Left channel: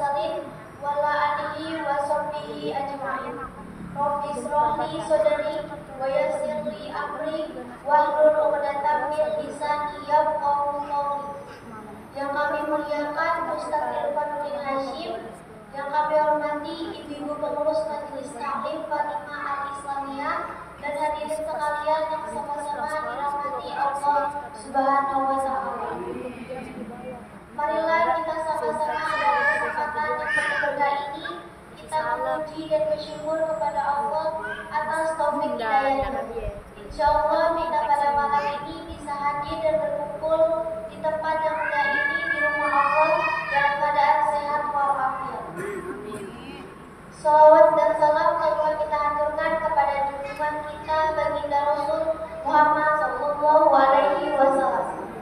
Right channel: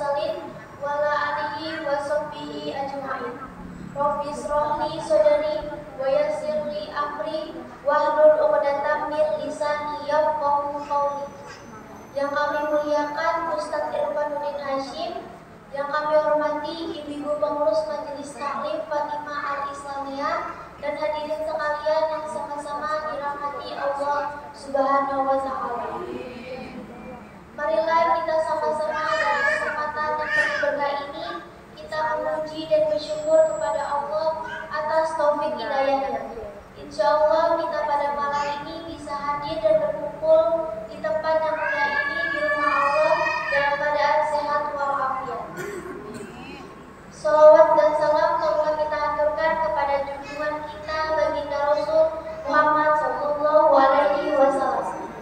mursalin wa ala alihi wa sahbihi ajma'in. Rabbi shrah li sadri wa yassir li amri wahlul 'uqdatam min lisani yafqahu qawli. Yang kami muliakan Ustaz Irfanuddin Hasyim, yang kami hormati ibu-ibu pengurus Majelis Taklim Fatimah Al-Islamiyah, dan hadirin sekalian yang sama-sama dirahmati Allah Subhanahu wa Ta'ala. Marilah kita sama-sama dalam kesempatan yang penuh berkah ini kita memuji dan bersyukur kepada Allah atas taufik hidayahnya. Insya Allah kita pada malam ini bisa hadir dan berkumpul di tempat yang mulia ini di rumah Allah dalam keadaan sehat walafiat. Salawat dan salam telah kita aturkan kepada junjungan kita baginda Rasul Muhammad Sallallahu Alaihi Wasallam,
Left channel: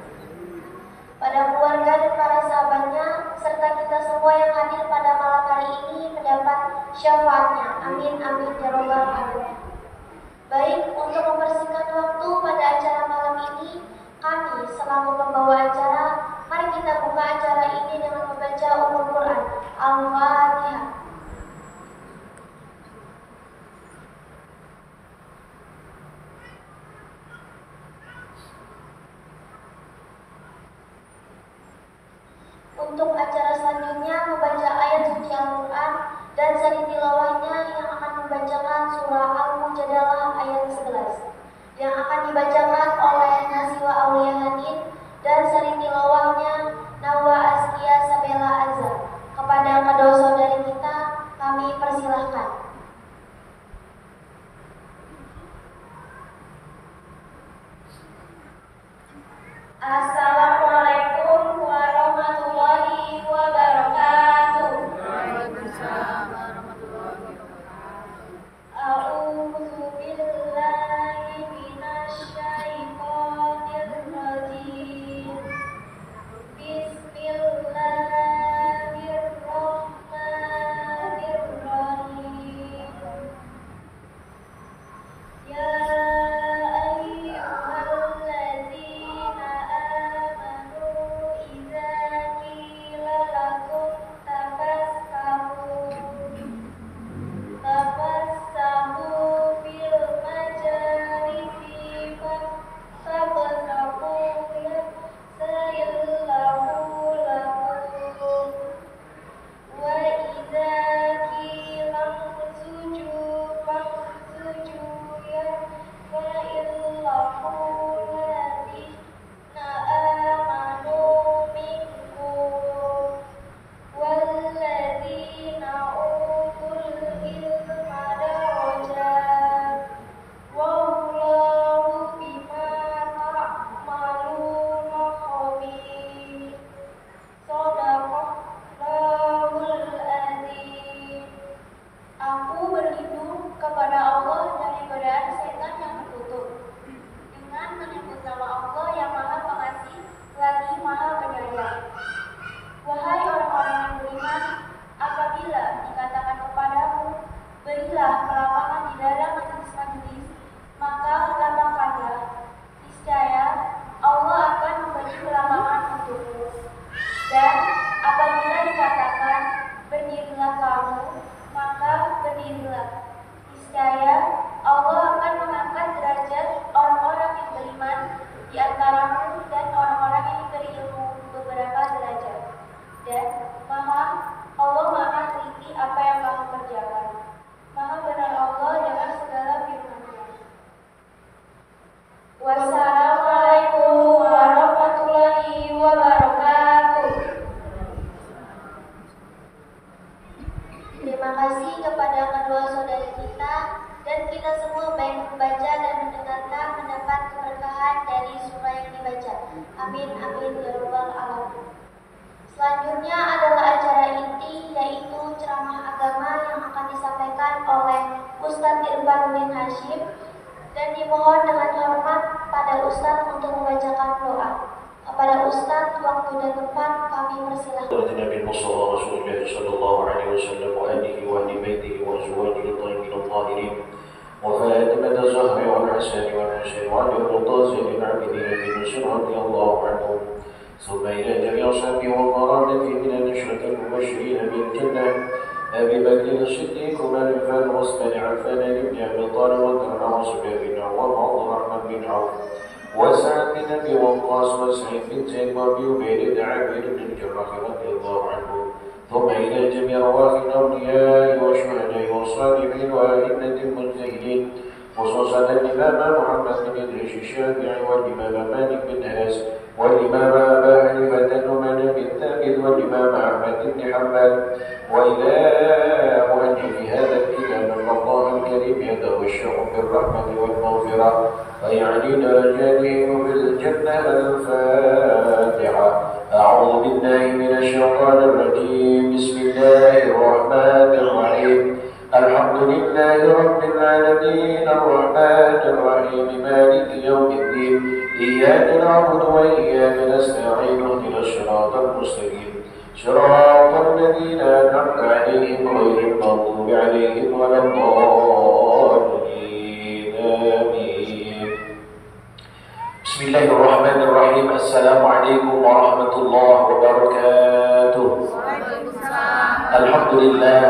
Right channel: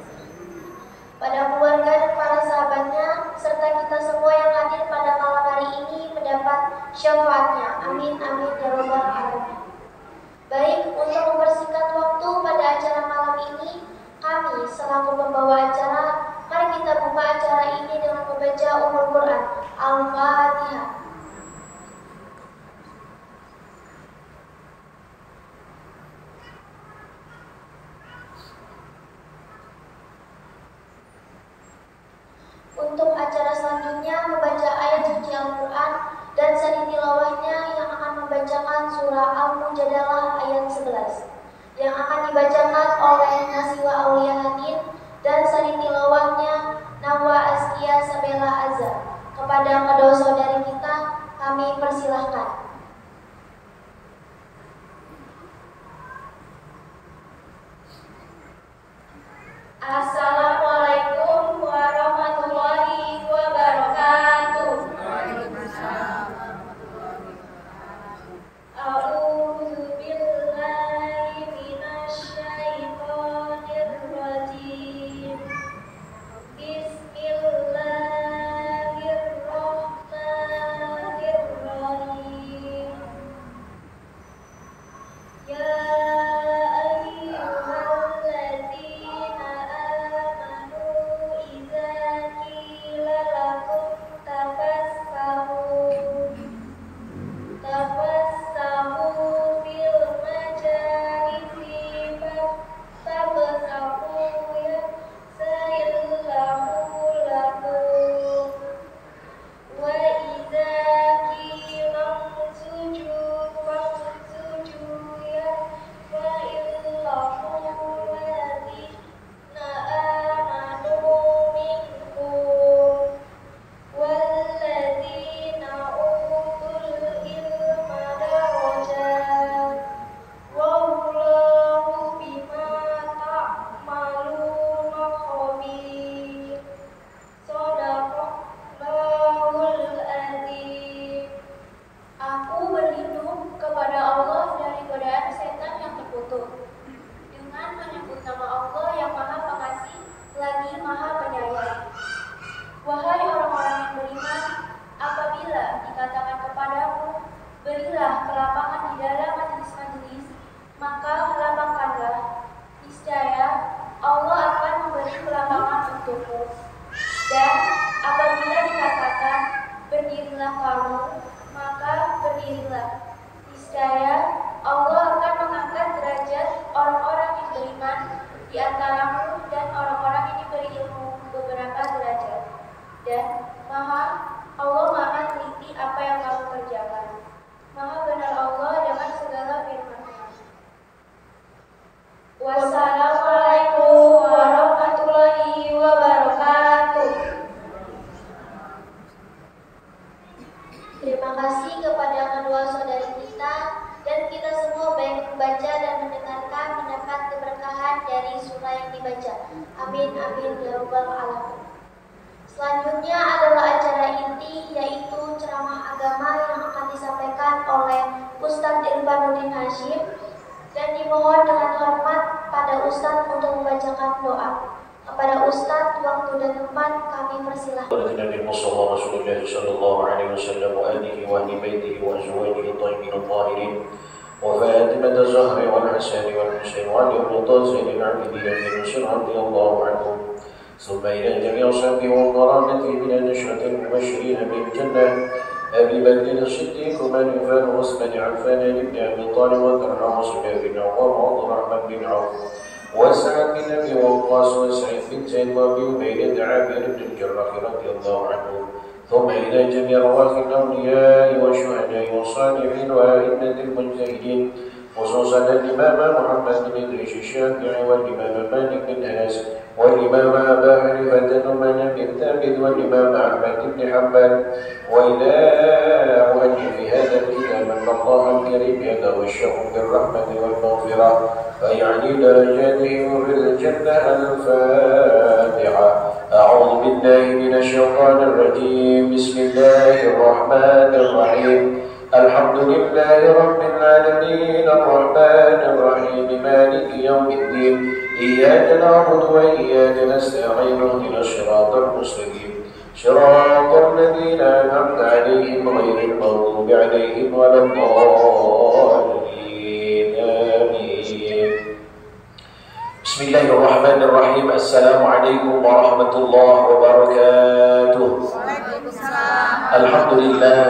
pada keluarga dan para sahabatnya, serta kita semua yang hadir pada malam hari ini mendapat syafaatnya. Amin amin ya robbal alamin. Baik, untuk mempersingkat waktu pada acara malam ini, kami selaku pembawa acara, mari kita buka acara ini dengan membaca Ummul Quran Al-Fatihah. Untuk acara selanjutnya membaca ayat suci Al-Quran dan sari tilawahnya yang akan membacakan surah Al-Mujadalah ayat 11 yang akan dibacakan oleh Nasiwa Aulia Hadin, dan sari tilawahnya Nawa Askia Sabela Azhar. Kepada kedua saudari kita kami persilahkan. Assalamualaikum warahmatullahi wabarakatuh. Waalaikumsalam warahmatullahi wabarakatuh. A'udzu billahi minasy syaithanir rajim. Bismillahirrahmanirrahim. Ya Wassalamualaikum warahmatullahi wabarakatuh. Terima kasih kepada kedua saudari kita, dan kita semua baik membaca dan mendengarkan mendapat keberkahan dari surah yang dibaca. Amin amin ya robbal alamin. Selanjutnya adalah acara inti, yaitu ceramah agama yang akan disampaikan oleh Ustaz Irfanuddin Hasyim, dan dimohon dengan hormat pada Ustaz untuk membacakan doa. Kepada Ustaz, waktu dan tempat kami persilahkan. Nabi Muhammad Rasulullah sallallahu alaihi wasallam wa alihi wa ahli baitihi wa azwajihi thayyibin tahirin wa Fatimah az-Zahra wal Hasan wal Husain wa Ali al-Mutazilin al-Abidin bin Rasul radhiyallahu anhum ثم إلى جميع أصحابه وقرابته من النشرة المبشرين بالجنة أبي بكر الصديق ومن عفان وعثمان عفان بن أبي طالب وطلحة وزبير بن عوام وعبد الرحمن بن عوف وسعد بن أبي وقاص وسعيد بن زيد وأبي عبيدة عامر بن الجراح رضي الله عنه ثم إلى جميع رواة الأولياء والشهداء والصالحين وأئمة المجتهدين خصوصا الإمام محمد بن إدريس الشافعي والإمام مالك بن أنس والإمام أبا حنيفة النعمان بن ثابت والإمام أحمد بن حنبل وإلى مؤلف هذا الكتاب أن الله الكريم يدعو الشيخ بالرحمة والمغفرة فيعلي درجاتهم في الجنة. الفاتحة. أعوذ بالله من الشيطان الرجيم. بسم الله الرحمن الرحيم. الحمد لله رب العالمين الرحمن الرحيم مالك يوم الدين إياك نعبد وإياك نستعين اهدنا الصراط المستقيم صراط الذين أنعمت عليهم غير المغضوب عليهم ولا الضالين آمين. بسم الله الرحمن الرحيم. السلام عليكم ورحمة الله وبركاته. الحمد لله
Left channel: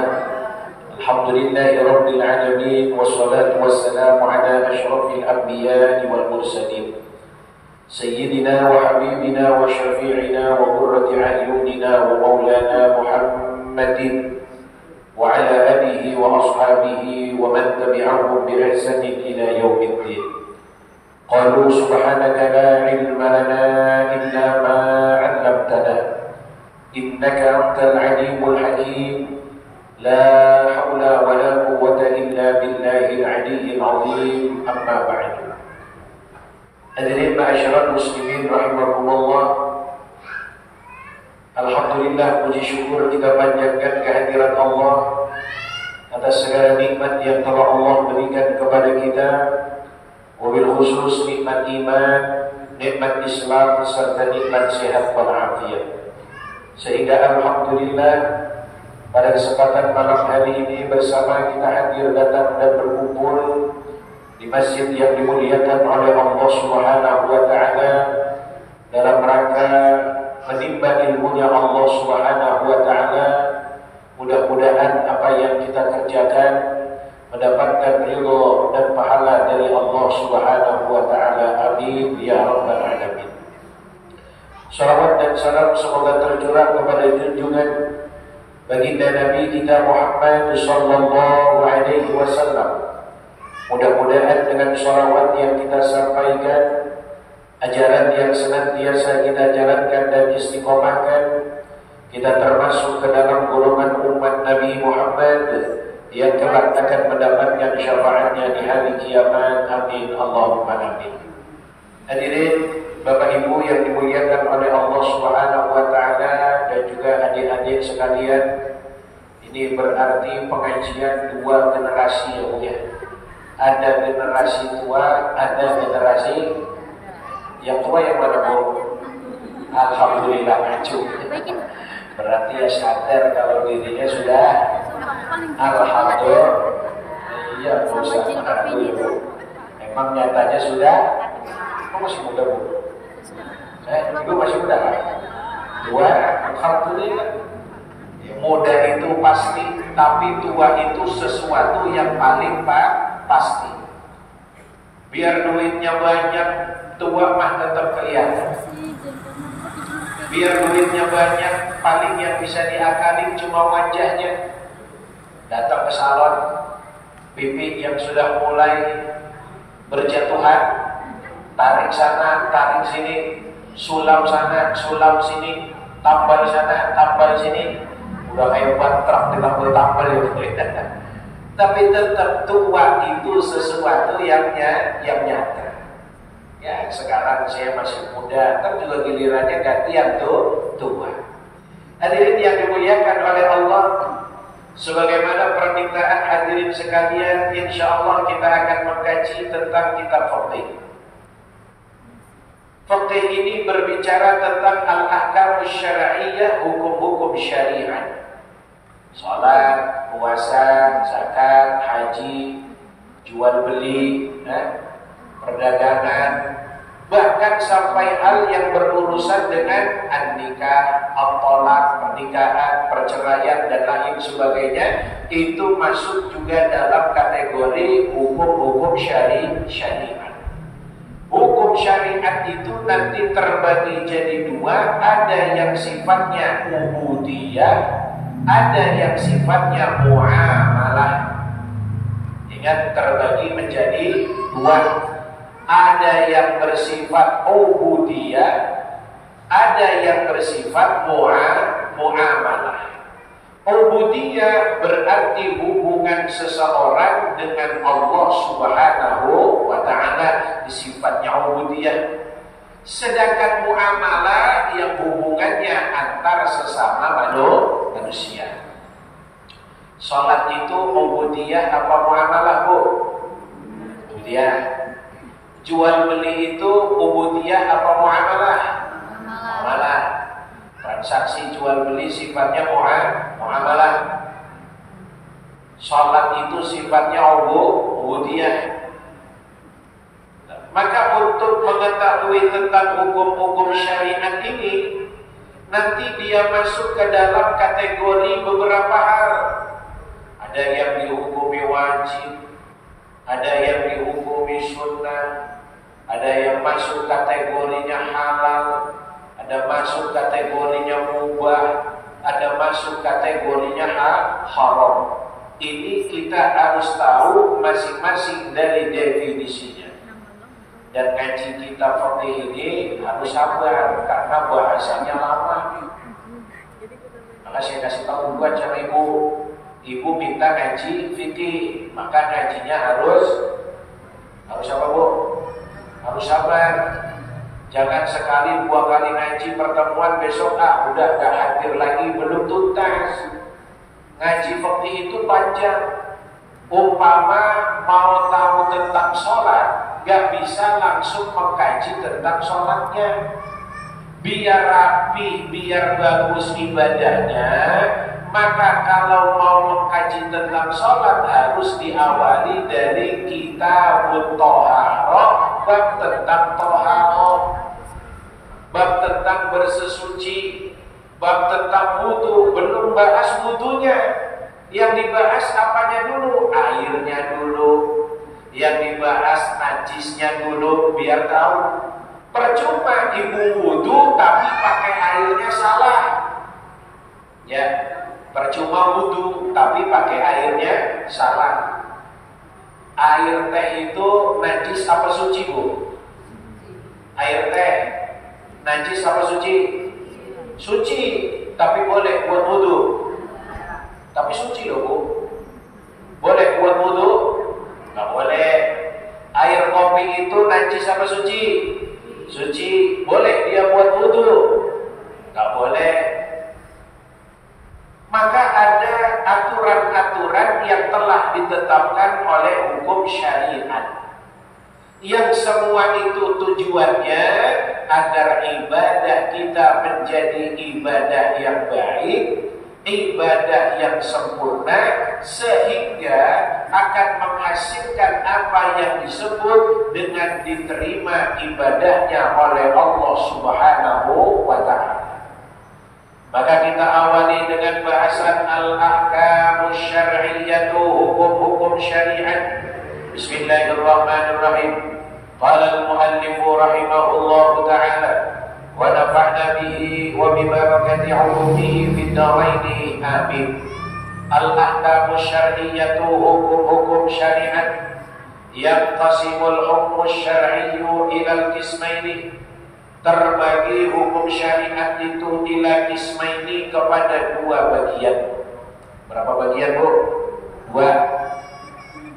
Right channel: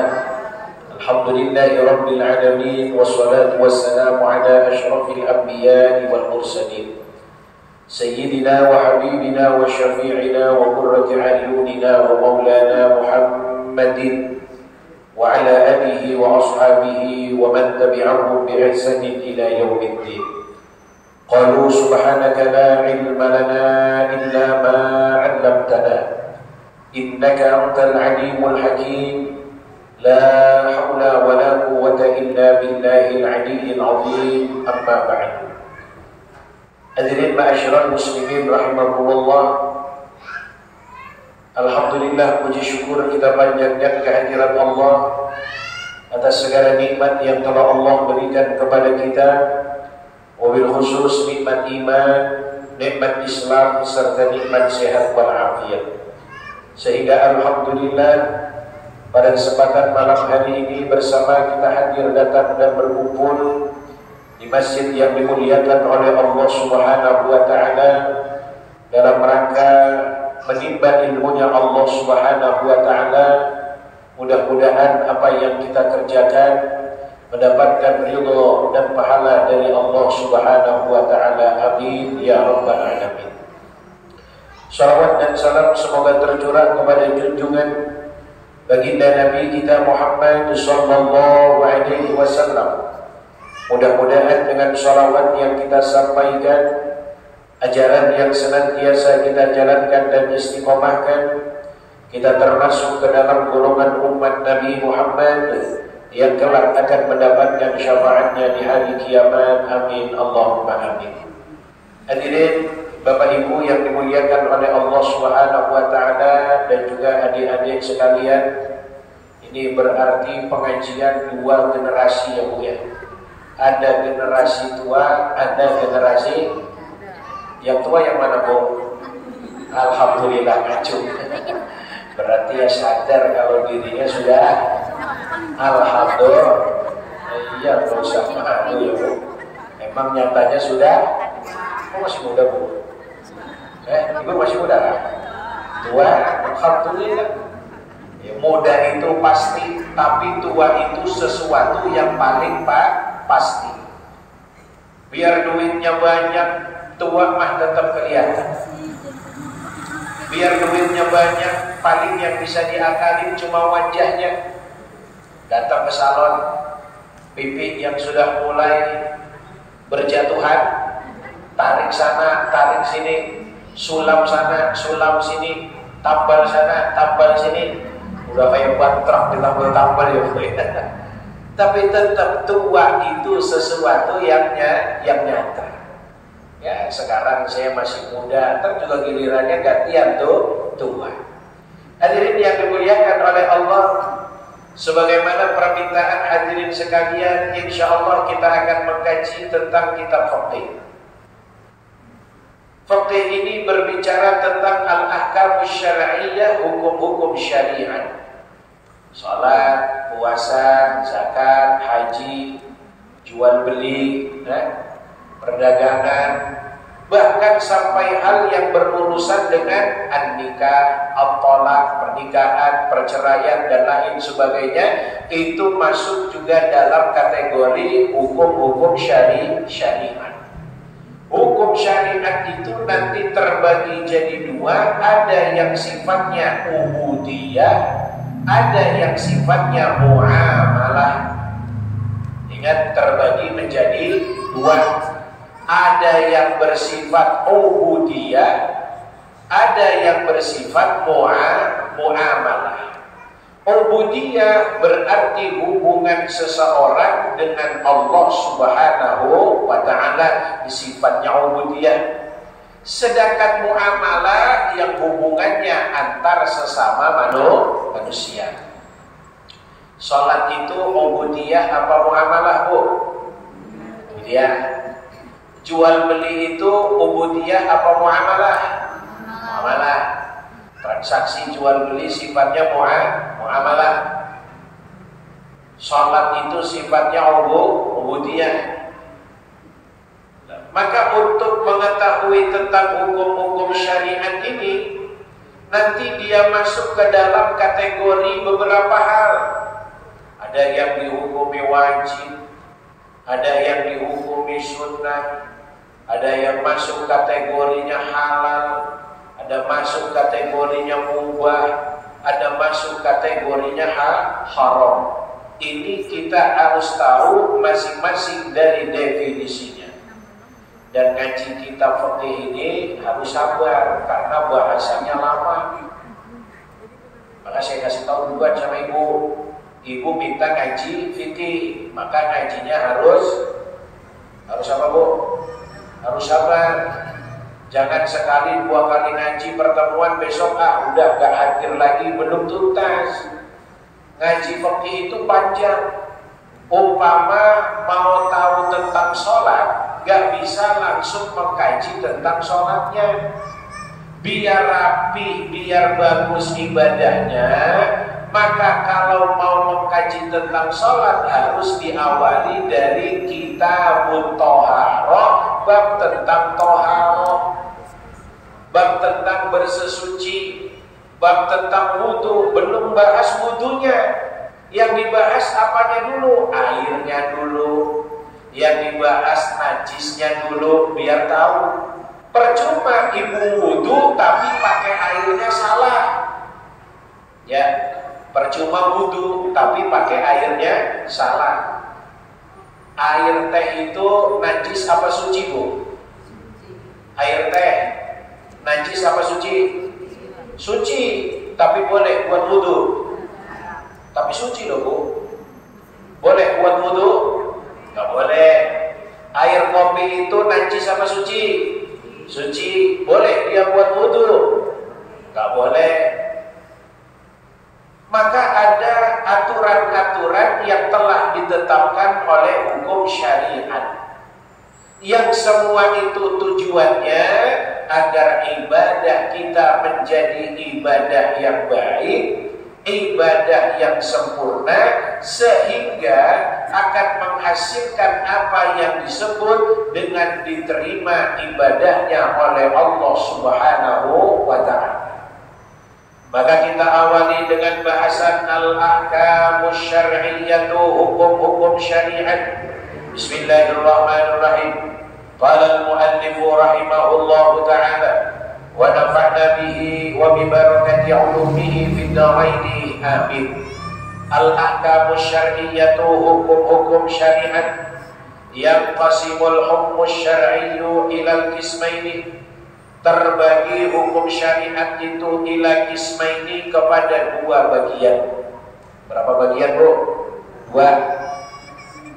الحمد لله رب العالمين والصلاة والسلام على أشرف الأنبياء والمرسلين سيدنا وحبيبنا وشفيعنا وقرة أعيننا ومولانا محمد وعلى آله وأصحابه ومن تبعهم بإحسان إلى يوم الدين. قالوا سبحانك لا علم لنا إلا ما علمتنا إنك أنت العليم الحكيم. لا حول ولا قوة إلا بالله العلي العظيم. أما بعد. Hadirin ma'asyiral muslimin rahimakumullah. Alhamdulillah, puji syukur kita panjatkan kehadiran Allah atas segala nikmat yang telah Allah berikan kepada kita, wabil khusus nikmat iman, nikmat Islam serta nikmat sehat walafiat. Sehingga alhamdulillah pada kesempatan malam hari ini bersama kita hadir datang dan berkumpul di masjid yang dimuliakan oleh Allah Subhanahu wa taala dalam rangka menimba ilmunya Allah Subhanahu wa taala. Mudah-mudahan apa yang kita kerjakan mendapatkan ridha dan pahala dari Allah Subhanahu wa taala. Amin ya rabbal alamin. Salawat dan salam semoga tercurah kepada junjungan baginda Nabi kita Muhammad sallallahu alaihi wasallam. Mudah-mudahan dengan shalawat yang kita sampaikan, ajaran yang senantiasa kita jalankan dan istiqomahkan, kita termasuk ke dalam golongan umat Nabi Muhammad yang kelak akan mendapatkan syafaatnya di hari kiamat. Amin Allahumma amin. Hadirin Bapak Ibu yang dimuliakan oleh Allah Subhanahu wa taala dan juga adik-adik sekalian, ini berarti pengajian dua generasi ya Bu ya. Ada generasi tua, ada generasi yang tua yang mana Bu? Alhamdulillah ngacu. Berarti ya sadar kalau dirinya sudah alhamdulillah. Iya, nggak usah malu ya Bu. Emang nyatanya sudah? Kok masih muda Bu? Ibu masih muda kan? Tua, alhamdulillah. Ya, muda itu pasti, tapi tua itu sesuatu yang paling pasti. Biar duitnya banyak, tua mah tetap kelihatan. Biar duitnya banyak, paling yang bisa diakalin cuma wajahnya. Datang ke salon, pipi yang sudah mulai berjatuhan, tarik sana, tarik sini, sulam sana, sulam sini, tambal sana, tambal sini. Udah kayak ban truk ditambal ya Bu. Tapi tetap tua itu sesuatu yang nyata. Ya, sekarang saya masih muda, ntar juga gilirannya gantian tuh tua. Hadirin yang dimuliakan oleh Allah, sebagaimana permintaan hadirin sekalian, insya Allah kita akan mengkaji tentang kitab fikih. Fikih ini berbicara tentang al-ahkam syar'iyyah, hukum-hukum syariat. Salat, puasa, zakat, haji, jual beli, perdagangan, bahkan sampai hal yang berurusan dengan an-nikah, at-thalaq, pernikahan, perceraian dan lain sebagainya, itu masuk juga dalam kategori hukum-hukum syariat. Hukum syariat itu nanti terbagi jadi dua, ada yang sifatnya ubudiyah, ada yang sifatnya muamalah. Ingat, terbagi menjadi dua. Ada yang bersifat ubudiyah, ada yang bersifat muamalah. Ubudiyah berarti hubungan seseorang dengan Allah Subhanahu wa ta'ala, sifatnya ubudiyah. Sedangkan muamalah yang hubungannya antar sesama manusia. Salat itu ubudiyah apa muamalah, Bu? Ubudiyah. Jual beli itu ubudiyah apa muamalah? Muamalah. Transaksi jual beli sifatnya muamalah. Salat itu sifatnya ubudiyah. Maka untuk mengetahui tentang hukum-hukum syariat ini, nanti dia masuk ke dalam kategori beberapa hal. Ada yang dihukumi wajib, ada yang dihukumi sunnah, ada yang masuk kategorinya halal, ada masuk kategorinya mubah, ada masuk kategorinya haram. Ini kita harus tahu masing-masing dari definisinya. Dan ngaji kitab fikih ini harus sabar karena bahasanya lama. Maka saya kasih tahu duluan sama ibu. Ibu minta ngaji fikih, maka ngajinya harus apa, Bu? Harus sabar. Jangan sekali dua kali ngaji pertemuan besok udah gak hadir lagi, belum tuntas. Ngaji fikih itu panjang. Umpama mau tahu tentang sholat, gak bisa langsung mengkaji tentang sholatnya. Biar rapi, biar bagus ibadahnya, maka kalau mau mengkaji tentang sholat harus diawali dari kitabut thaharah, bab tentang thaharah, bab tentang bersesuci, bab tentang wudu. Belum bahas wudunya, yang dibahas apanya dulu? Airnya dulu. Yang dibahas najisnya dulu, biar tahu. Percuma ibu wudu tapi pakai airnya salah. Ya, percuma wudu tapi pakai airnya salah. Air teh itu najis apa suci, Bu? Air teh najis apa suci? Suci, tapi boleh buat wudu. Tapi suci loh, Bu. Boleh buat wudu? Gak boleh. Air kopi itu najis apa suci? Suci. Boleh dia buat wudu? Gak boleh. Maka ada aturan-aturan yang telah ditetapkan oleh hukum syariat, yang semua itu tujuannya agar ibadah kita menjadi ibadah yang baik, ibadah yang sempurna, sehingga akan menghasilkan apa yang disebut dengan diterima ibadahnya oleh Allah Subhanahu wa ta'ala. Maka kita awali dengan bahasan al-ahkamus syar'iyyatu, hukum-hukum syariat. Bismillahirrahmanirrahim. Qala al-muallifu rahimahullahu ta'ala wa nafa'na bihi wa bi barakati 'ulumihi fid dharain amin. Al-ahkamus syar'iyyatu, hukum-hukum syariat. Yanqasimul hukmus syar'iyyu ilal qismaini. Terbagi hukum syariat itu ila qismaini kepada dua bagian. Berapa bagian, Bu? Dua.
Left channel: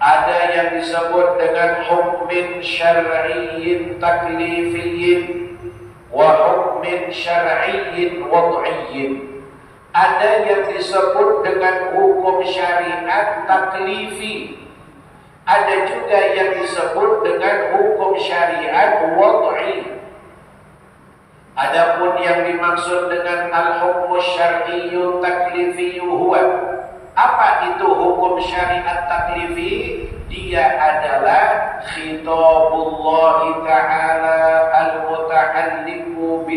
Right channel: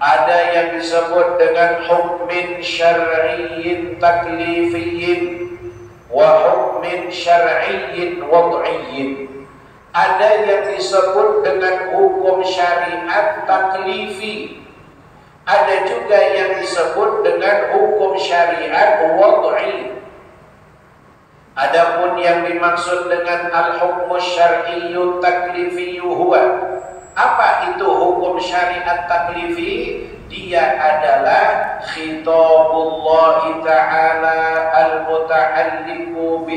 Ada yang disebut dengan hukmin syar'iyyin taklifiyyin wa hukmin syar'iyyin wad'iyyin. Ada yang disebut dengan hukum syariat taklifi. Ada juga yang disebut dengan hukum syariat wad'i. Adapun yang dimaksud dengan al-hukmus syar'iyyu taklifiyyu huwa, apa itu hukum syariat taklifi? Dia adalah khitabullah ta'ala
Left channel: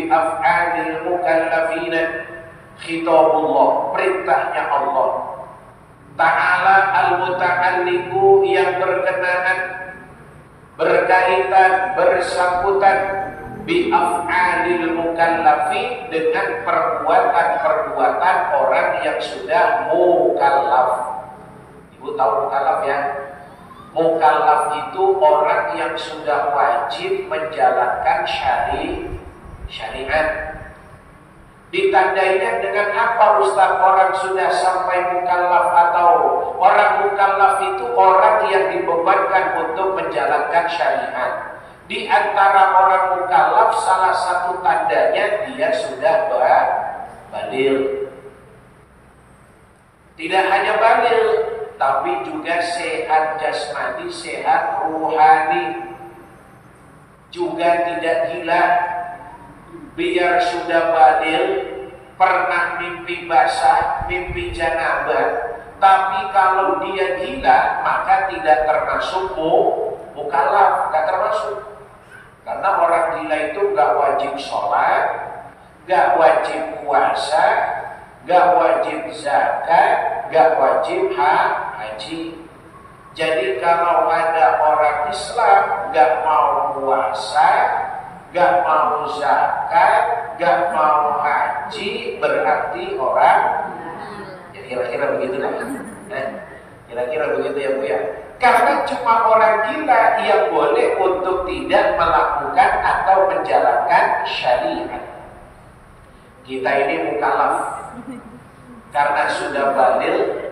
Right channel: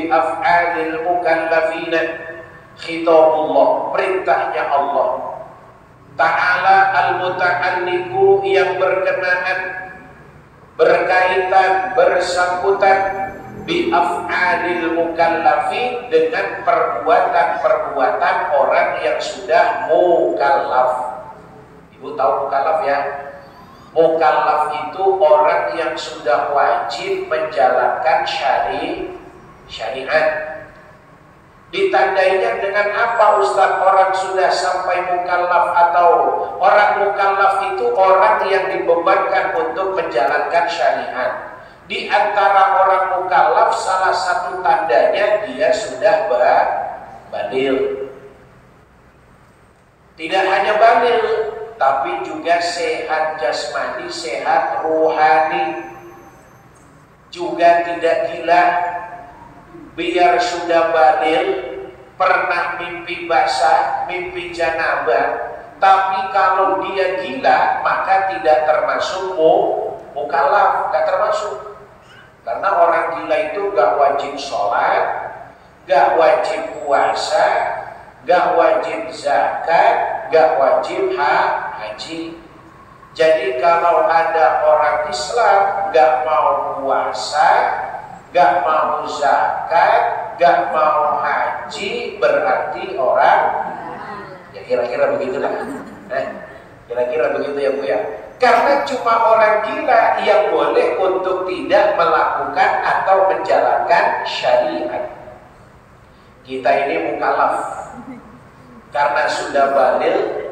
bi af'alil mukallafina. Khitabullah, perintahnya Allah Ta'ala al-muta'alliqu, yang berkenaan, berkaitan, bersangkutan bi af'alil mukallafi, dengan perbuatan-perbuatan orang yang sudah mukallaf. Ibu tahu mukallaf ya? Mukallaf itu orang yang sudah wajib menjalankan syariat. Ditandainya dengan apa Ustaz orang sudah sampai mukallaf? Atau orang mukallaf itu orang yang dibebankan untuk menjalankan syariat. Di antara orang mukallaf salah satu tandanya dia sudah baligh. Tidak hanya baligh, tapi juga sehat jasmani, sehat rohani, juga tidak gila. Biar sudah baligh, pernah mimpi basah, mimpi janabah, tapi kalau dia gila maka tidak termasuk mukallaf, tidak termasuk. Karena orang gila itu gak wajib sholat, gak wajib puasa, gak wajib zakat, gak wajib haji. Jadi kalau ada orang Islam gak mau puasa, gak mau zakat, gak mau haji, berarti orang ya kira-kira begitulah. Kira-kira begitu ya Bu ya. Karena cuma orang gila yang boleh untuk tidak melakukan atau menjalankan syariat. Kita ini mukallaf. Karena sudah baligh,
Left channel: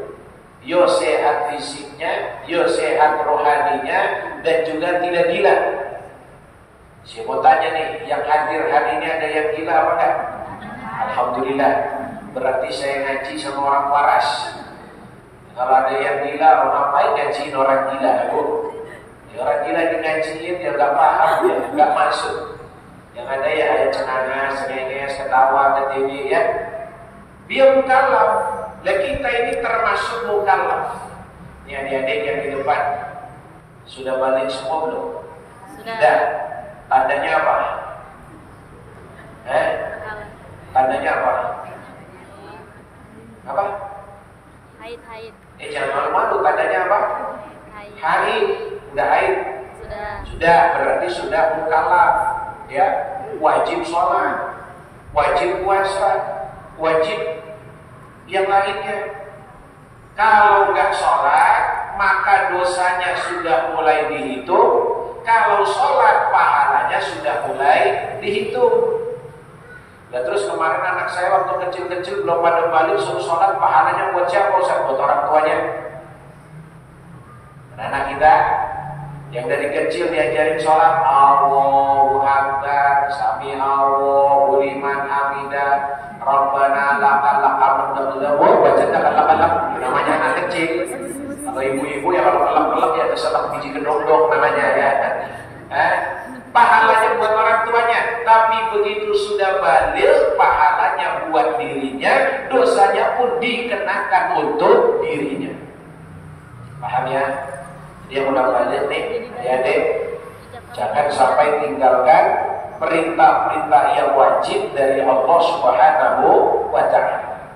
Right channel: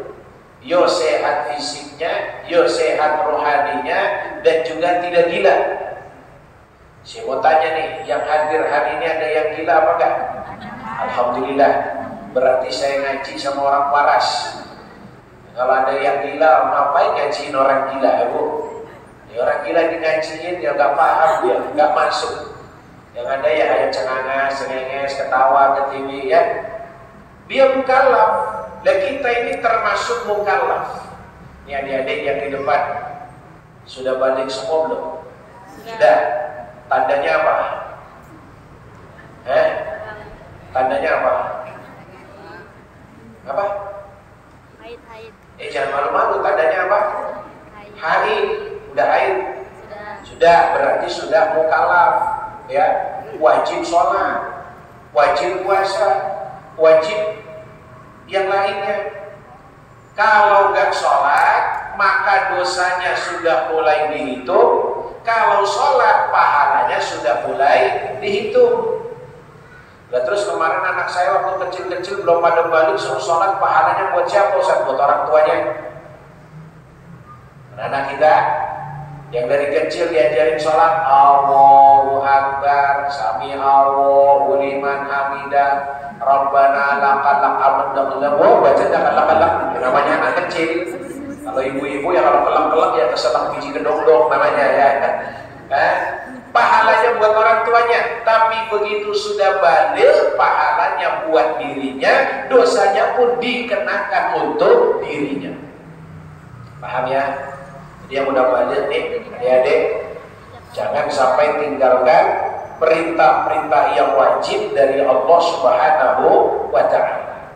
yo sehat fisiknya, yo sehat rohaninya, dan juga tidak gila. Saya mau tanya nih, yang hadir hari ini ada yang gila apa enggak? Alhamdulillah, berarti saya ngaji sama orang waras. Kalau ada yang gila, ngapain ngajiin orang gila ya Bu? Ya, orang gila ngajiin ya gak paham dia, gak masuk. Yang ada ya ada cengenges, ketawa, ketiwi ya. Dia mukallaf. Lah kita ini termasuk mukallaf. Ini adik-adik yang di depan sudah balik semua belum? Sudah. Tandanya apa? Tandanya apa? Apa? Haid. Jangan malu-malu, tandanya apa? Haid. Udah haid? Sudah, berarti sudah mukallaf. Ya, wajib sholat, wajib puasa, wajib yang lainnya. Kalau nggak sholat, maka dosanya sudah mulai dihitung. Kalau sholat, pahalanya sudah mulai dihitung. Nah, terus kemarin anak saya waktu kecil-kecil belum pada balik, suruh sholat, pahalanya buat siapa Ustaz? Buat orang tuanya. Anak kita yang dari kecil diajarin sholat, Allahu Akbar, Sami Allahu liman hamidah, Rabbana lakal hamd. Oh, baca kalak-kalak, namanya anak kecil. Kalau ibu-ibu ya kalau kelak-kelak ya keselak biji kedong-dong namanya ya. Pahalanya buat orang tuanya, tapi begitu sudah baligh, pahalanya buat dirinya, dosanya pun dikenakan untuk dirinya. Paham ya? Jadi yang udah baligh nih, adik-adik, jangan sampai tinggalkan perintah-perintah yang wajib dari Allah Subhanahu wa ta'ala.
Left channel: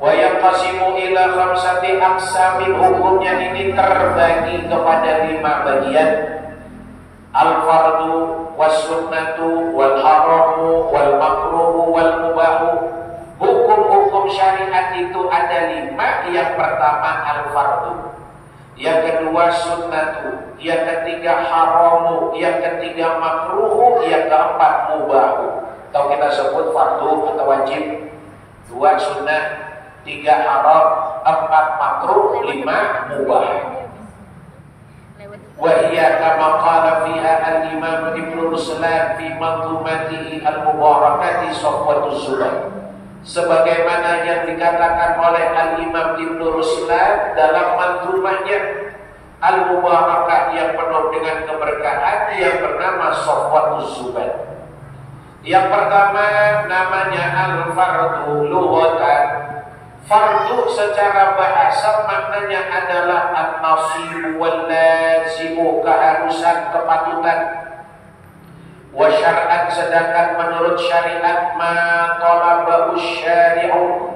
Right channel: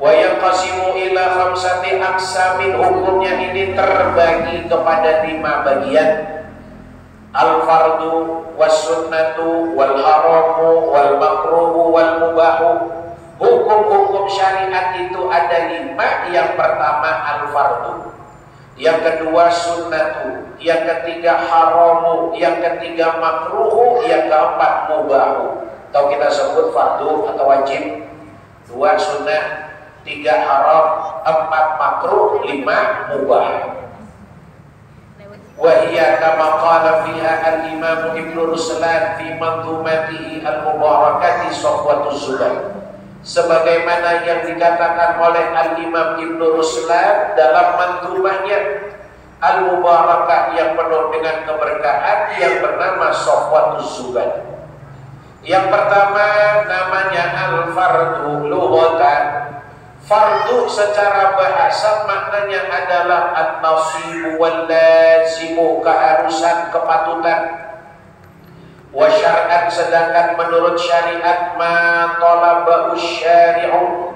Wa yanqasimu ila khamsati aqsamin, hukumnya ini terbagi kepada 5 bagian. Al-fardu was-sunnatu wal-haramu wal-makruhu wal-mubahu. Hukum-hukum syariat itu ada 5. Yang pertama al-fardu, yang kedua sunnatu, yang ketiga haramu, yang ketiga makruhu, yang keempat mubahu. Atau kita sebut fardu atau wajib, 2 sunnah, 3 haram, 4 makruh, 5 mubah. Wahiyya kama qala fiha al-imam Ibnu Ruslan fi manzumatihi al-mubarakati Safwatuz Zubair. Sebagaimana yang dikatakan oleh al-imam Ibnu Ruslan dalam manzumahnya al-mubarakah yang penuh dengan keberkahan yang bernama Safwatuz Zubair. Yang pertama namanya al-fardu lughatan. Fardu secara bahasa maknanya adalah an-nasibu wal lazimu, keharusan, kepatutan. Wa syar'an, sedangkan menurut syariat, ma talabahu syari'u,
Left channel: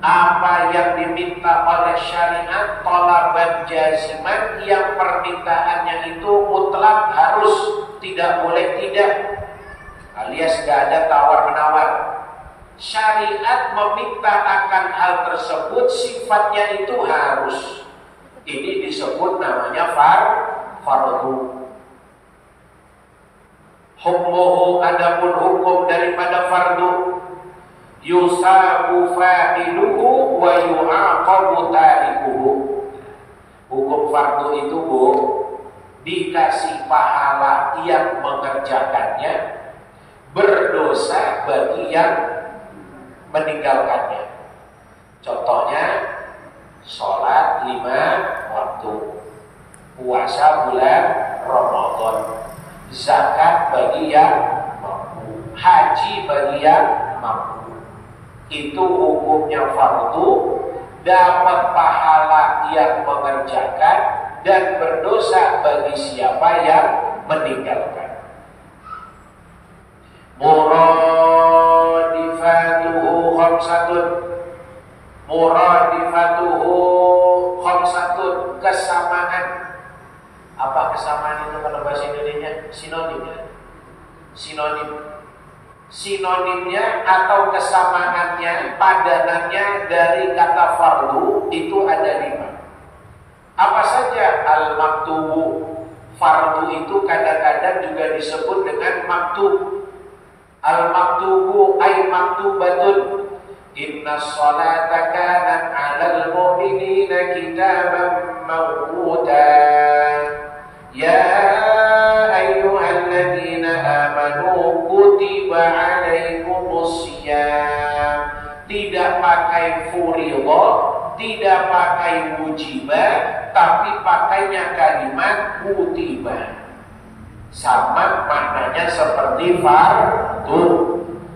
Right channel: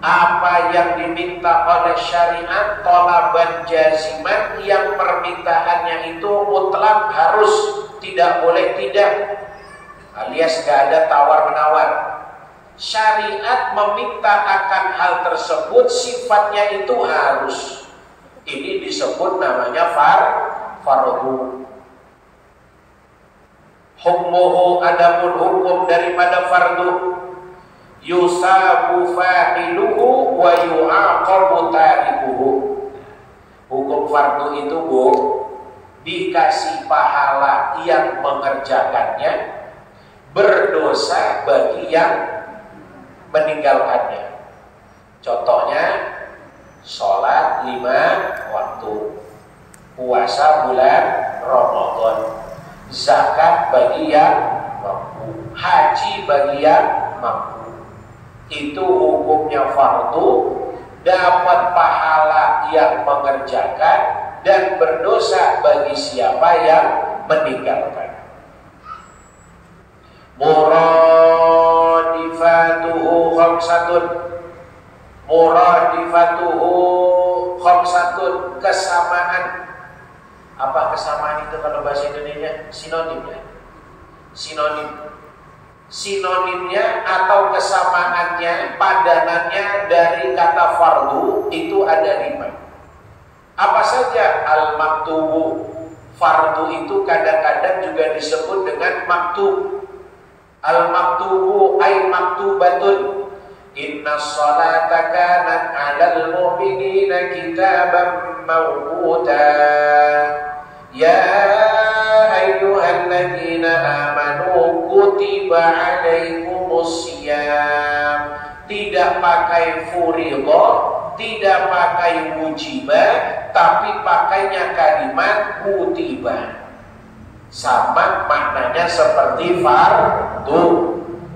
apa yang diminta oleh syariat, talaban jaziman, yang permintaannya itu mutlak, harus, tidak boleh tidak, alias gak ada tawar-menawar. Syariat meminta akan hal tersebut, sifatnya itu harus. Ini disebut namanya fardu. Hukmuhu, adapun hukum daripada fardu, yusabu fa'iluhu wa yu'aqabu tarikuhu. Hukum fardu itu, Bu, dikasih pahala yang mengerjakannya, berdosa bagi yang meninggalkannya. Contohnya, sholat 5 waktu, puasa bulan Ramadan, zakat bagi yang mampu, haji bagi yang mampu. Itu hukumnya fardu, dapat pahala yang mengerjakan dan berdosa bagi siapa yang meninggalkan. Muradifatuhu khamsatun, muradifatuhu khamsatun, kesamaan. Apa kesamaan itu kalau bahasa Indonesia? Sinonim ya. Sinonimnya atau kesamaannya, padanannya dari kata fardu itu ada 5. Apa saja? Al-maktubu, fardu itu kadang-kadang juga disebut dengan maktub. Al-maktubu ay maktubatun, inna sholata kanat 'alal mu'minina kitaban mawquta. Ya ayyuhalladzina amanu kutiba 'alaikumus syiyam. Tidak pakai furiḍah, tidak pakai wujibah, tapi pakainya kalimat kutiba. Sama maknanya seperti fardu,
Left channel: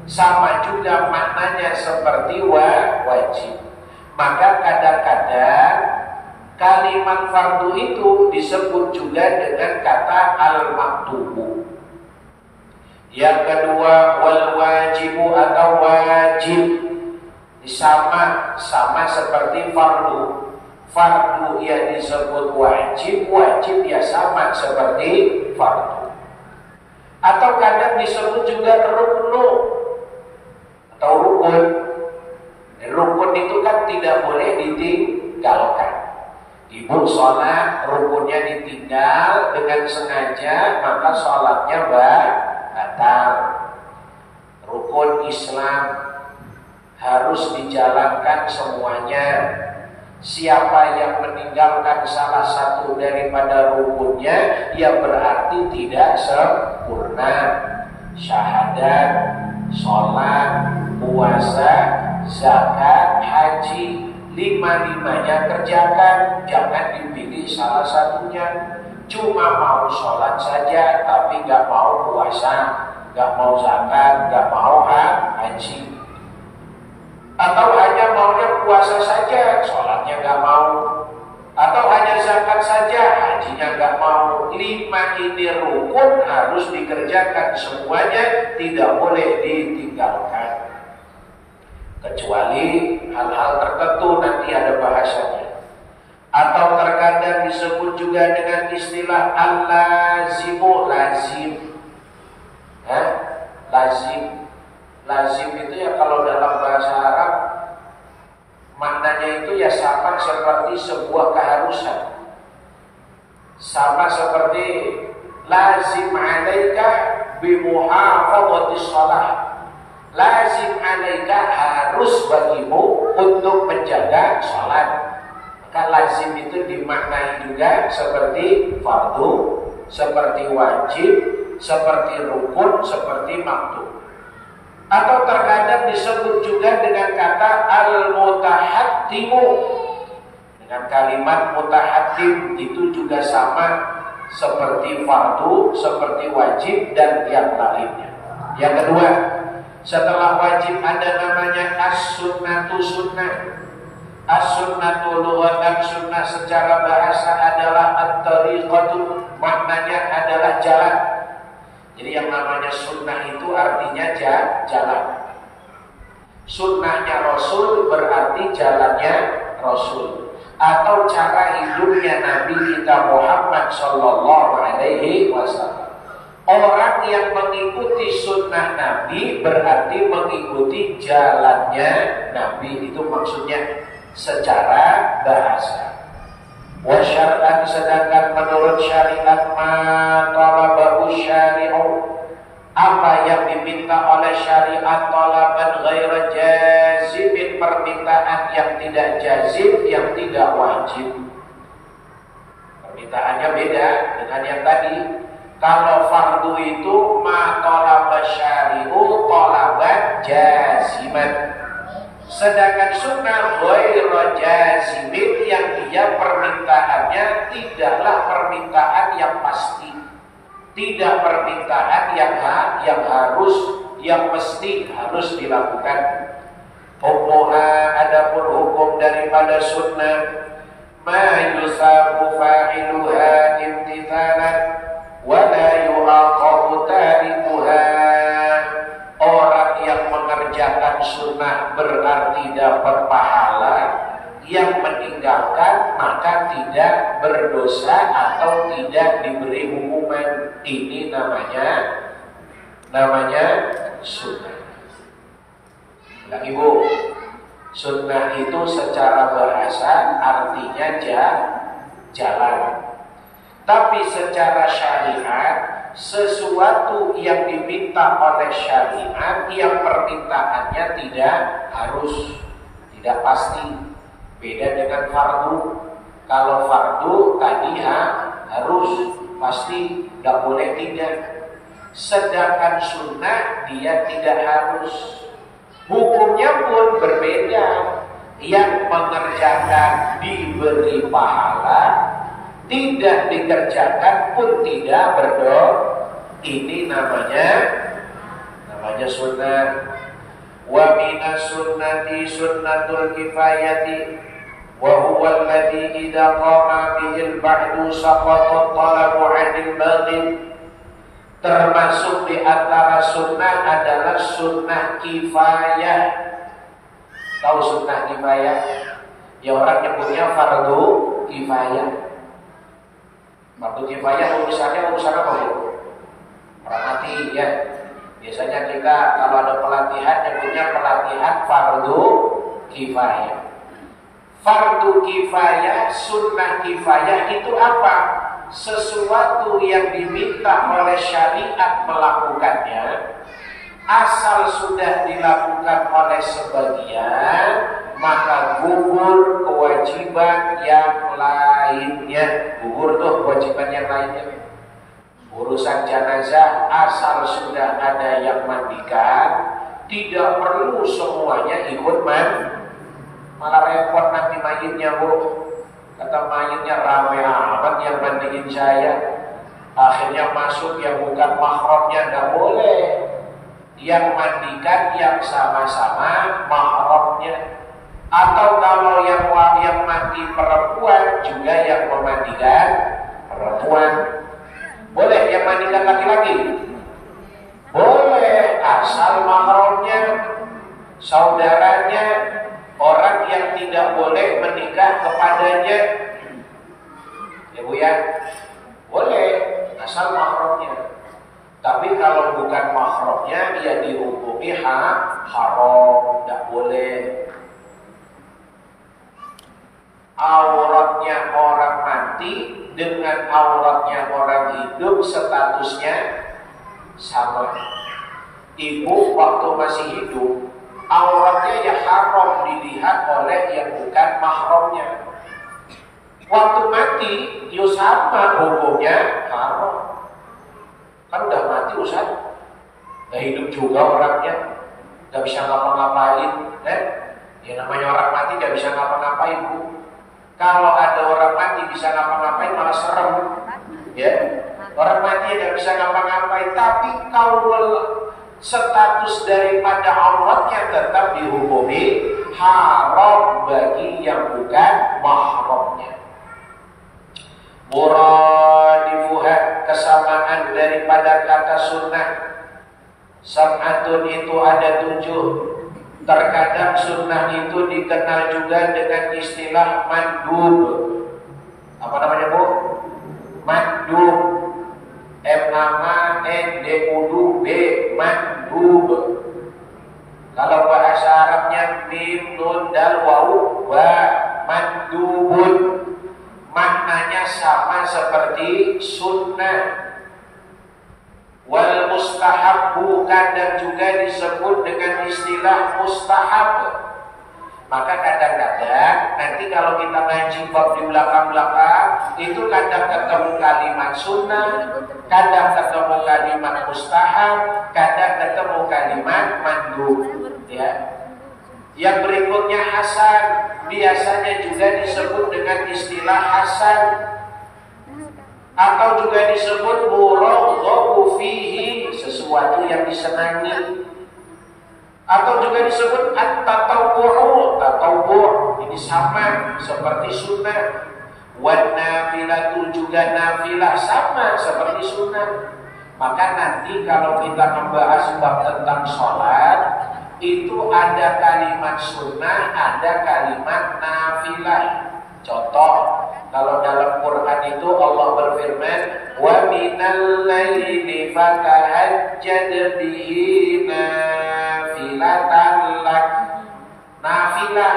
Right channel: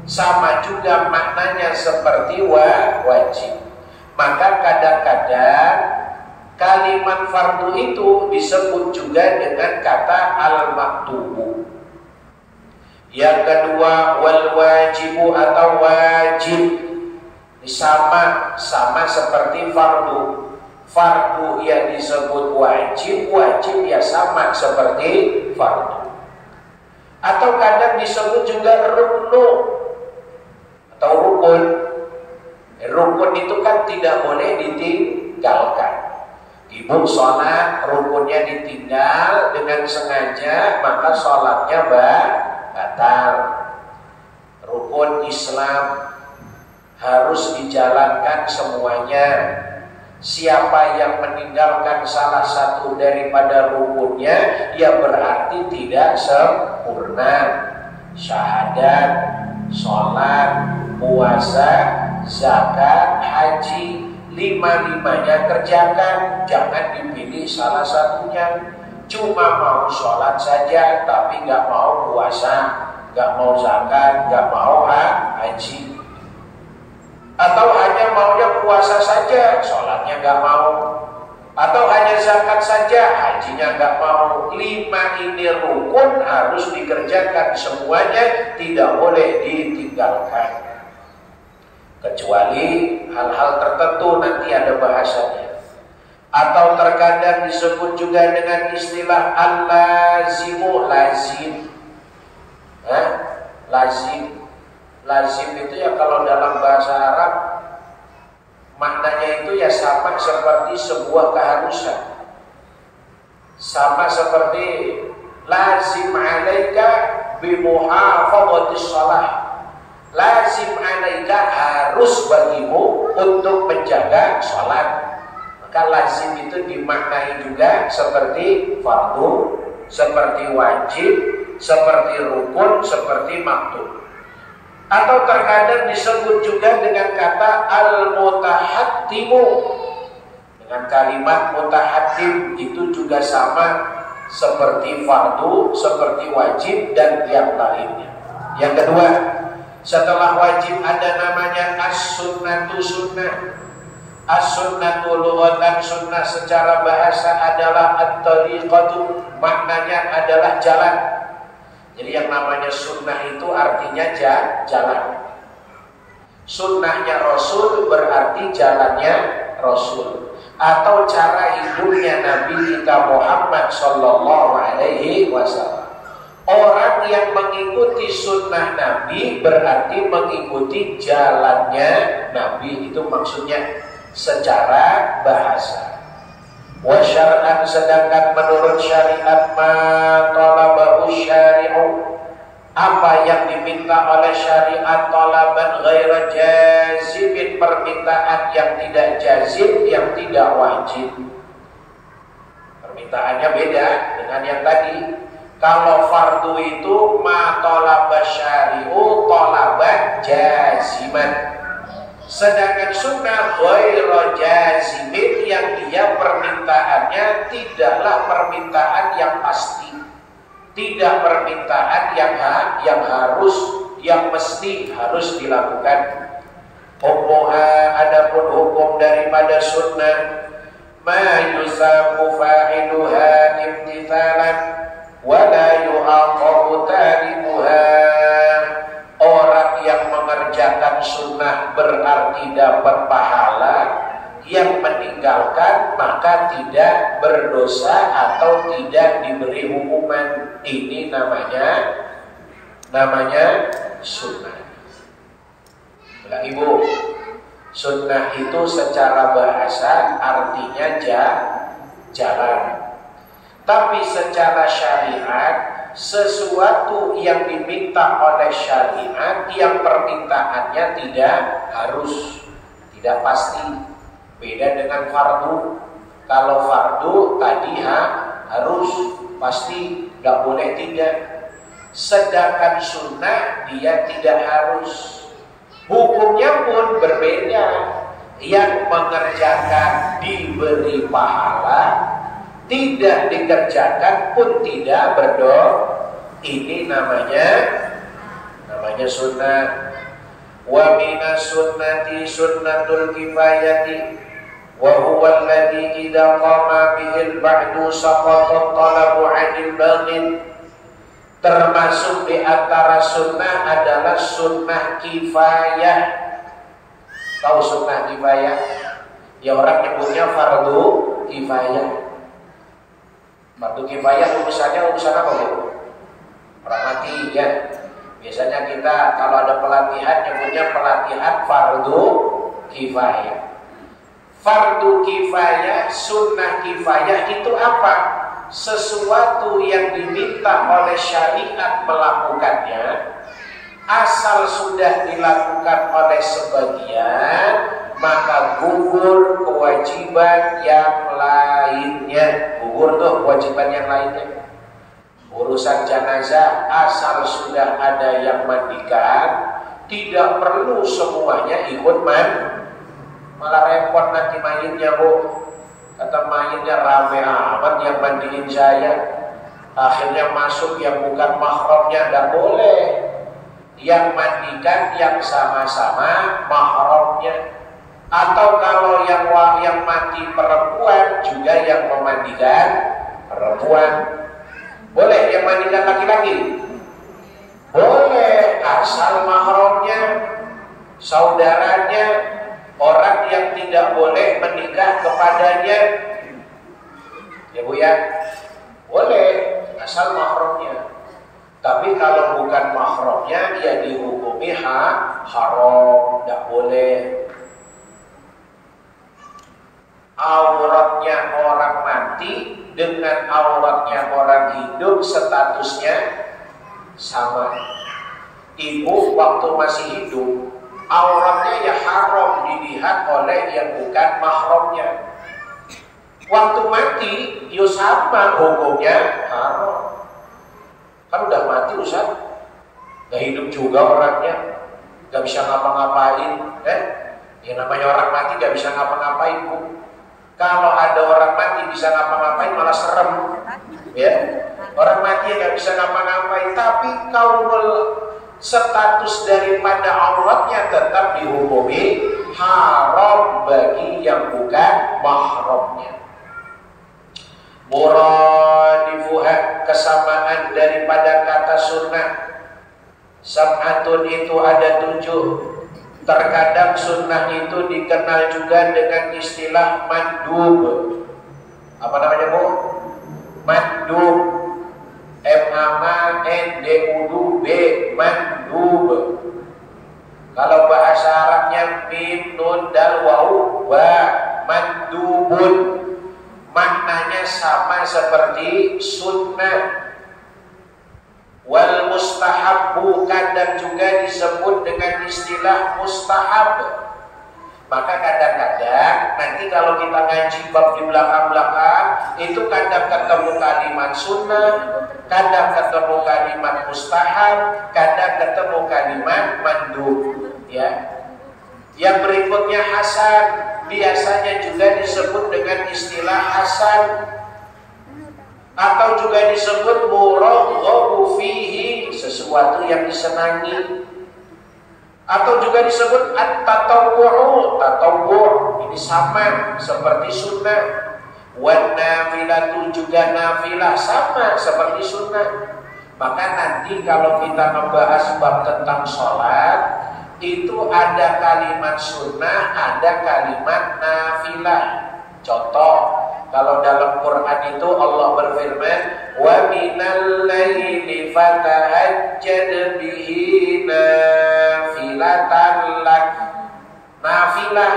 sama juga maknanya seperti wajib. Maka kadang-kadang kalimat fardu itu disebut juga dengan kata al-maktubu. Yang kedua, wal wajibu atau wajib, sama seperti fardu. Fardu yang disebut wajib, wajib ya sama seperti fardu. Atau kadang disebut juga ruknu atau rukun. Rukun itu kan tidak boleh ditinggalkan. Ibu sholat, rukunnya ditinggal dengan sengaja, maka sholatnya batal. Rukun Islam harus dijalankan semuanya. Siapa yang meninggalkan salah satu daripada rukunnya, ya berarti tidak sempurna. Syahadat, sholat, puasa, zakat, haji, 5-5-nya kerjakan. Jangan dipilih salah satunya. Cuma mau sholat saja, tapi gak mau puasa, gak mau zakat, gak mau haji. Atau hanya maunya puasa saja, sholatnya gak mau. Atau hanya zakat saja, hajinya gak mau. 5 ini rukun, harus dikerjakan semuanya, tidak boleh ditinggalkan. Kecuali hal-hal tertentu, nanti ada bahasanya. Atau terkadang disebut juga dengan istilah al-lazimu, lazim. Lazim. Lazim itu ya kalau dalam bahasa Arab maknanya itu ya sama seperti sebuah keharusan. Sama seperti lazim alaika bimuhafadhatis shalah. Lazim alaika, harus bagimu untuk menjaga salat. Maka lazim itu dimaknai juga seperti fardu, seperti wajib, seperti rukun, seperti maktub. Atau terkadang disebut juga dengan kata al-mutahattimu. Dengan kalimat mutahattim itu juga sama seperti fardu, seperti wajib dan yang lainnya. Yang kedua, setelah wajib ada namanya as-sunnatu, sunnah. As-sunnatu lughatan, sunnah secara bahasa adalah at-tariqatu, maknanya adalah jalan. Jadi yang namanya sunnah itu artinya jalan. Sunnahnya Rasul berarti jalannya Rasul, atau cara hidupnya Nabi kita Muhammad Sallallahu Alaihi Wasallam. Orang yang mengikuti sunnah Nabi berarti mengikuti jalannya Nabi, itu maksudnya secara bahasa. Wa syar'an, sedangkan menurut syariat ma talabahu syari'u, apa yang diminta oleh syariat talaban ghaira jazibin, permintaan yang tidak jazib, yang tidak wajib. Permintaannya beda dengan yang tadi. Kalau fardu itu ma talaba syari'u talaban jaziman. Sedangkan sunnah ghaira jazibin, yang dia permintaannya tidaklah permintaan yang pasti, tidak permintaan yang harus, yang mesti harus dilakukan. Hukmuha, adapun hukum daripada sunnah, ma yusabu fa'iluha imtithalan wa la yu'aqabu tarikuha. Orang yang mengerjakan sunnah berarti dapat pahala, yang meninggalkan maka tidak berdosa atau tidak diberi hukuman. Ini namanya sunnah. Ulangi Bu, sunnah itu secara bahasa artinya jalan. Tapi secara syariat, sesuatu yang diminta oleh syariat yang permintaannya tidak harus, tidak pasti. Beda dengan fardu. Kalau fardu tadi harus, pasti, tidak boleh tidak. Sedangkan sunnah dia tidak harus. Hukumnya pun berbeda. Yang mengerjakan diberi pahala, tidak dikerjakan pun tidak berdosa. Ini namanya sunnah. Wa minas sunnati sunnatul kifayati wa huwa alladhi idza qama bihil ba'du saqata talabu 'anil baghil. Termasuk di antara sunnah adalah sunnah kifayah. Tahu sunnah kifayah? Ya orang nyebutnya fardu kifayah. Fardu kifayah urusan apa Bu? Orang mati ya. Biasanya kita kalau ada pelatihan nyebutnya pelatihan fardu kifayah. Fardu kifayah, sunnah kifayah itu apa? Sesuatu yang diminta oleh syariat melakukannya, asal sudah dilakukan oleh sebagian, maka gugur kewajiban yang lainnya. Gugur tuh kewajiban yang lainnya. Urusan jenazah asal sudah ada yang mandikan, tidak perlu semuanya ikut malah repot nanti mayitnya Bu. Kata mayitnya rame amat yang mandiin saya, akhirnya masuk yang bukan mahramnya, tidak boleh. Yang mandikan yang sama-sama mahramnya. Atau kalau yang mati perempuan juga yang memandikan perempuan. Boleh yang mandikan laki-laki? Boleh, asal mahramnya, saudaranya, orang yang tidak boleh menikah kepadanya. Ya Bu ya? Boleh, asal mahramnya. Tapi kalau bukan mahramnya, ya dihukumi haram, tidak boleh. Auratnya orang mati dengan auratnya orang hidup statusnya sama. Ibu waktu masih hidup, auratnya ya haram dilihat oleh yang bukan mahramnya. Waktu mati, ya sama hukumnya haram. Kan udah mati Ustaz, gak hidup juga orangnya, gak bisa ngapa-ngapain. Ya namanya orang mati gak bisa ngapa-ngapain Bu. Kalau ada orang mati bisa ngapa-ngapain malah serem, ya. Orang mati nggak bisa ngapa-ngapain, tapi kalau status daripada auratnya tetap dihukumi haram bagi yang bukan mahramnya. Muradifuha, kesamaan daripada kata sunnah. Sab'atun itu ada 7. Terkadang sunnah itu dikenal juga dengan istilah mandub. Apa namanya, Bu? Mandub. M-A-N-D-U-B, mandub. Kalau bahasa Arabnya mim, nun, dal, waw, wa, mandubun. Maknanya sama seperti sunnah. Wal mustahabbu kadang juga disebut dengan istilah mustahab. Maka kadang-kadang nanti kalau kita ngaji bab di belakang-belakang itu kadang ketemu kalimat sunnah, kadang ketemu kalimat mustahab, kadang ketemu kalimat mandub, ya. Yang berikutnya hasan, biasanya juga disebut dengan istilah hasan atau juga disebut muraghabu fihi, sesuatu yang disenangi. Atau juga disebut at-tatawwu', tatawwu' ini sama seperti sunnah. Wan nafilatu juga nafilah sama seperti sunnah. Maka nanti kalau kita membahas bab tentang sholat, itu ada kalimat sunnah, ada kalimat nafilah. Contoh, kalau dalam Quran itu Allah berfirman, wa minal laili fatahajjad bihi nafilatan lak. Nafilah,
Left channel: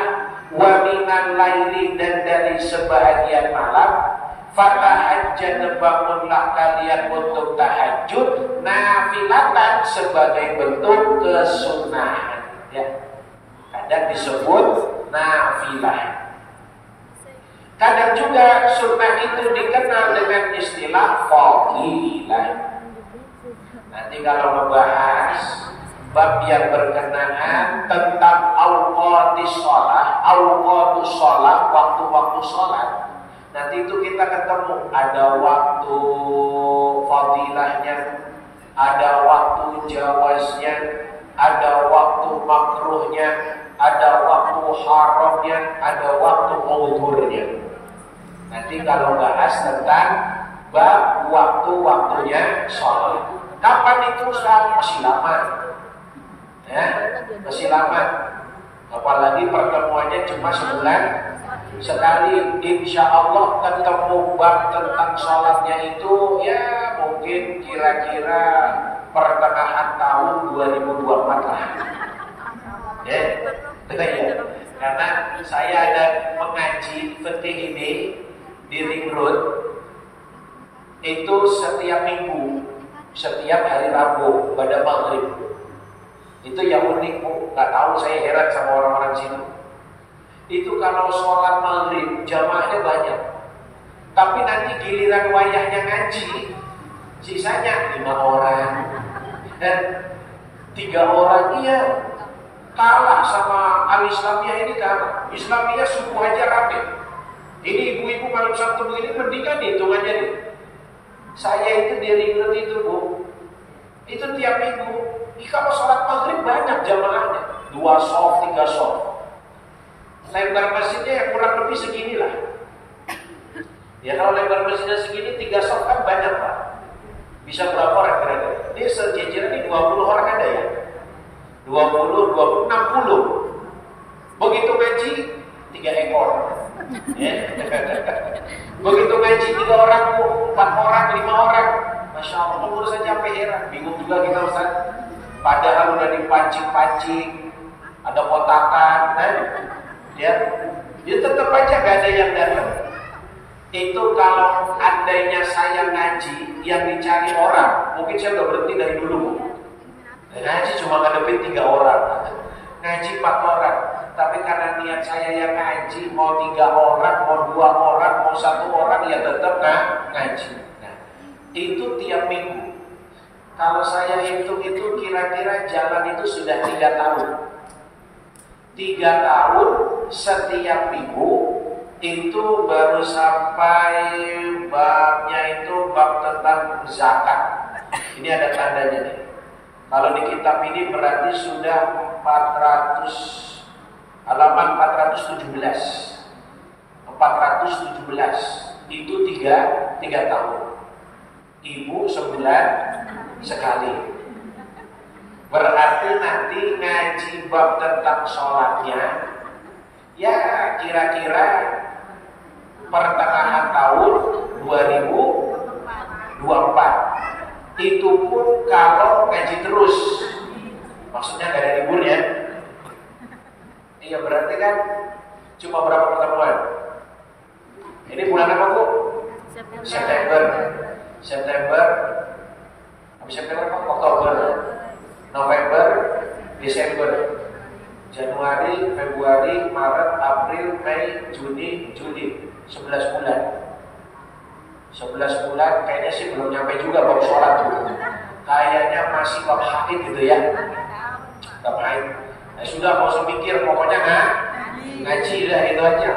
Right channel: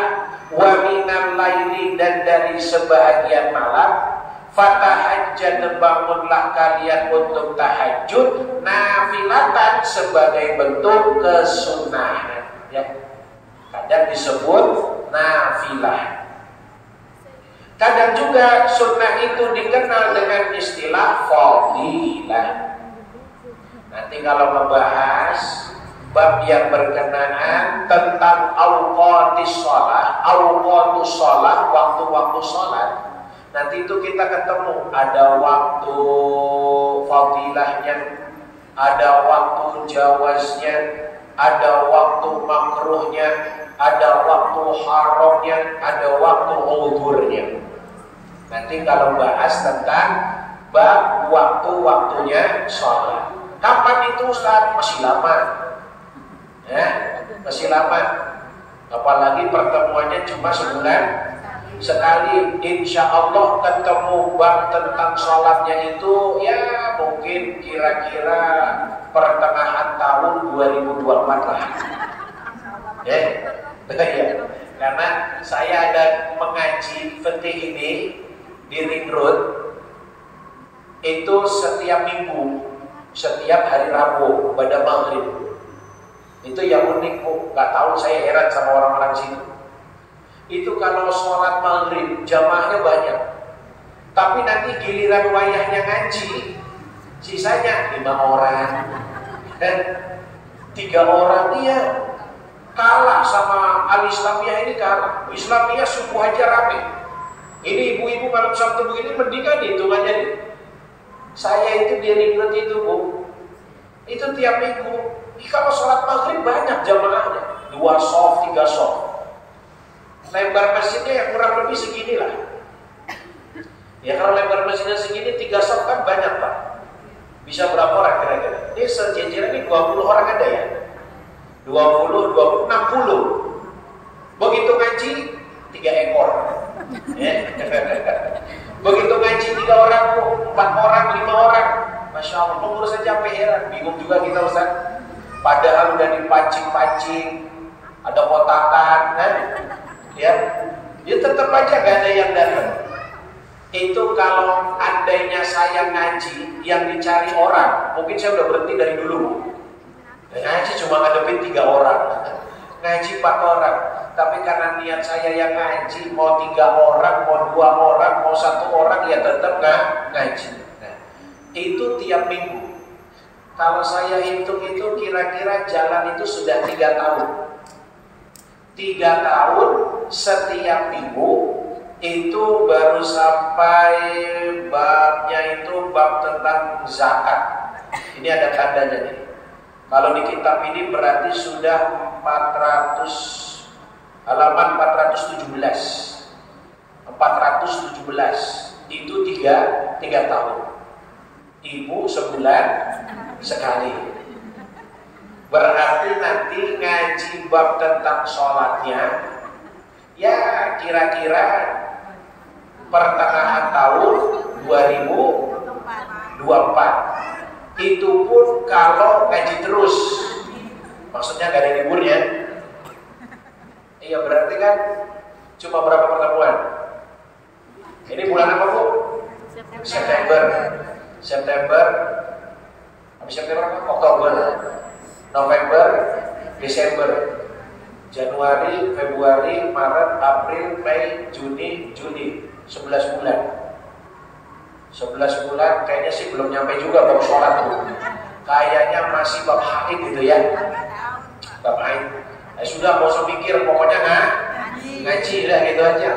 wa minal laili, dan dari sebahagian malam, fatahajjad, bangunlah kalian untuk tahajud, nafilatan sebagai bentuk kesunahan, ya. Kadang disebut nafilah. Kadang juga sunnah itu dikenal dengan istilah fadilah. Nanti kalau membahas bab yang berkenaan tentang awqatis shalah, awqatus shalah, waktu-waktu sholat, nanti itu kita ketemu ada waktu fadilahnya, ada waktu jawaznya, ada waktu makruhnya, ada waktu haramnya, ada waktu udhurnya. Nanti kalau bahas tentang bab waktu-waktunya sholat. Kapan itu Ustaz? Masih lama, ya, masih lama. Apalagi pertemuannya cuma sebulan sekali. Insya Allah ketemu bab tentang sholatnya itu ya mungkin kira-kira pertengahan tahun 2024 lah. Ya, ya. Karena saya ada mengaji fikih ini di Ring Road itu setiap minggu, setiap hari Rabu pada maghrib. Itu yang unik, Bu. Gak tahu, saya heran sama orang-orang sini. Itu kalau sholat maghrib jamaahnya banyak, tapi nanti giliran wayahnya ngaji, sisanya 5 orang dan 3 orang. Iya, kalah sama Al-Islamiyah ini, kalah. Islamiyah subuh aja rame. Ini ibu-ibu malam Sabtu begini mendingan hitungannya nih. Saya itu di Ring Road itu, Bu, itu tiap minggu. Kalau sholat maghrib banyak jamaahnya, 2 soft, 3 soft. Lebar masjidnya ya kurang lebih segini lah. Ya kalau lebar masjidnya segini, 3 soft kan banyak, Pak. Bisa berapa orang kira-kira? Ini sejajaran ini 20 orang ada ya? 20, 60. Begitu ngaji 3 ekor. Ya. Begitu ngaji 3 orang, 4 orang, 5 orang. Masya Allah, pengurus saja sampai heran. Bingung juga kita, Ustaz. Padahal udah dipancing-pancing, ada kotakan, kan? Ya tetap aja gak ada yang datang. Itu kalau andainya saya ngaji yang dicari orang, mungkin saya udah berhenti dari dulu. Ngaji cuma ngadepin 3 orang, ngaji 4 orang. Tapi karena niat saya yang ngaji, mau 3 orang, mau 2 orang, mau 1 orang, ya tetap ngaji. Nah, itu tiap minggu. Kalau saya hitung itu kira-kira jalan itu sudah 3 tahun. 3 tahun setiap minggu itu baru sampai babnya itu bab tentang zakat. Ini ada tandanya nih. Kalau di kitab ini berarti sudah 400 halaman 417. 417 itu 3 tahun. Ibu sebulan sekali. Berarti nanti ngaji bab tentang sholatnya ya kira-kira pertengahan tahun 2024. Itu pun kalau ngaji terus, maksudnya gak ada liburnya. Iya, berarti kan cuma berapa pertemuan? Ini bulan apa, Bu? September. Habis September apa? Oktober, November, Desember, Januari, Februari, Maret, April, Mei, Juni, Juli. 11 bulan. 11 bulan kayaknya sih belum nyampe juga bab sholat tuh. Kayaknya masih bab haid gitu ya. Bab haid. Ya sudah, mau usah mikir, pokoknya ngaji lah gitu aja.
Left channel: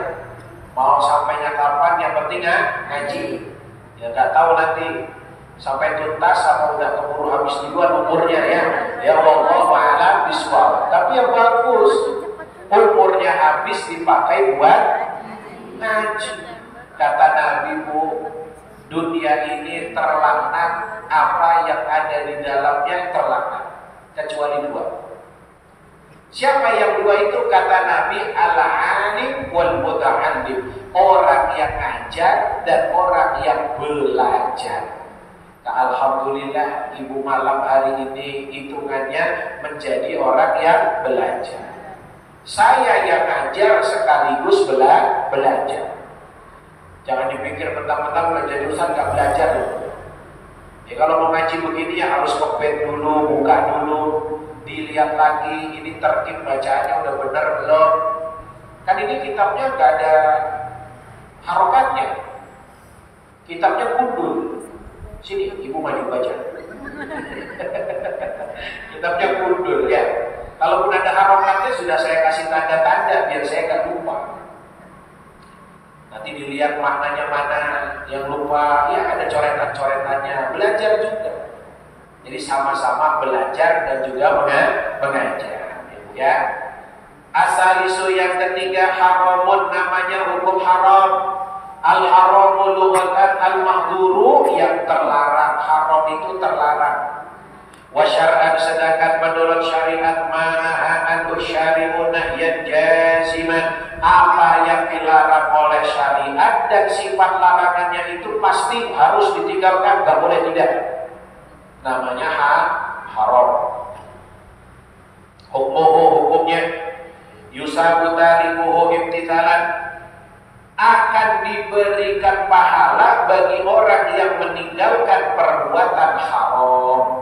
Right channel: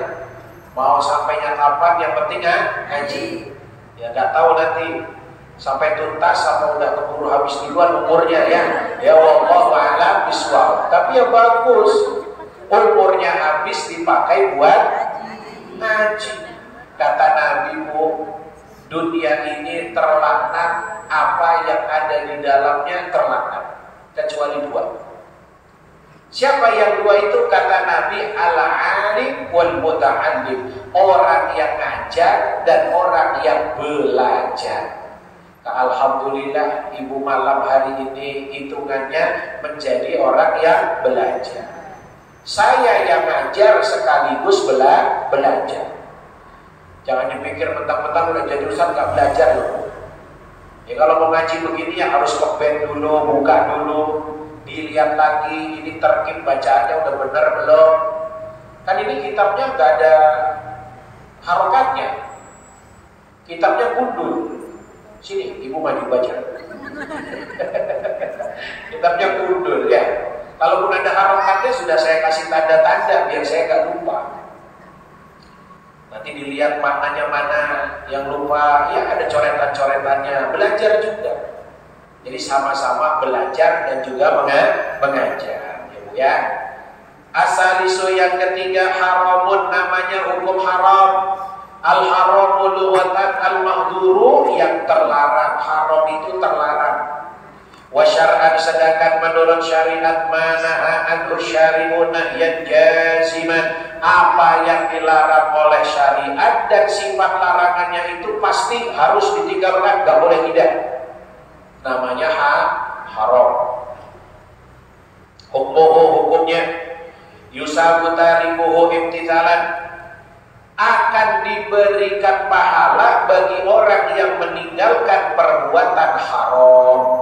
Mau sampainya kapan, yang penting ngaji. Ya nggak tahu nanti sampai tuntas atau udah keburu habis duluan umurnya ya. Ya wallahu a'lam bishawab. Tapi yang bagus umurnya habis dipakai buat ngaji. Kata Nabi, Bu, dunia ini terlaknat, apa yang ada di dalamnya terlaknat, kecuali dua. Siapa yang dua itu? Kata Nabi, al-alim wal muta'allim, orang yang ngajar dan orang yang belajar. Nah, alhamdulillah ibu malam hari ini hitungannya menjadi orang yang belajar. Saya yang ngajar sekaligus belajar. Jangan dipikir mentang-mentang udah jadi ustaz gak belajar loh. Ya kalau mau ngaji begini ya harus kebet dulu, buka dulu, dilihat lagi ini terkib bacaannya udah benar belum. Kan ini kitabnya gak ada harokatnya, kitabnya gundul. Sini ibu maju baca. Kitabnya gundul ya. Kalaupun ada harokatnya sudah saya kasih tanda-tanda biar saya gak lupa. Nanti dilihat maknanya mana, yang lupa ya ada coretan-coretannya. Belajar juga. Jadi sama-sama belajar dan juga mengajar, ya Bu ya. Asalisu yang ketiga haramun, namanya hukum haram. Al-haramu lughatan al-mahdhuru, yang terlarang. Haram itu terlarang. Wa syar'an, sedangkan menurut syariat manaha an usyari'u nahyan jaziman, apa yang dilarang oleh syariat dan sifat larangannya itu pasti harus ditinggalkan, gak boleh tidak. Namanya haram. Hukumnya yusabu tarifuhu imtithalan, akan diberikan pahala bagi orang yang meninggalkan perbuatan haram.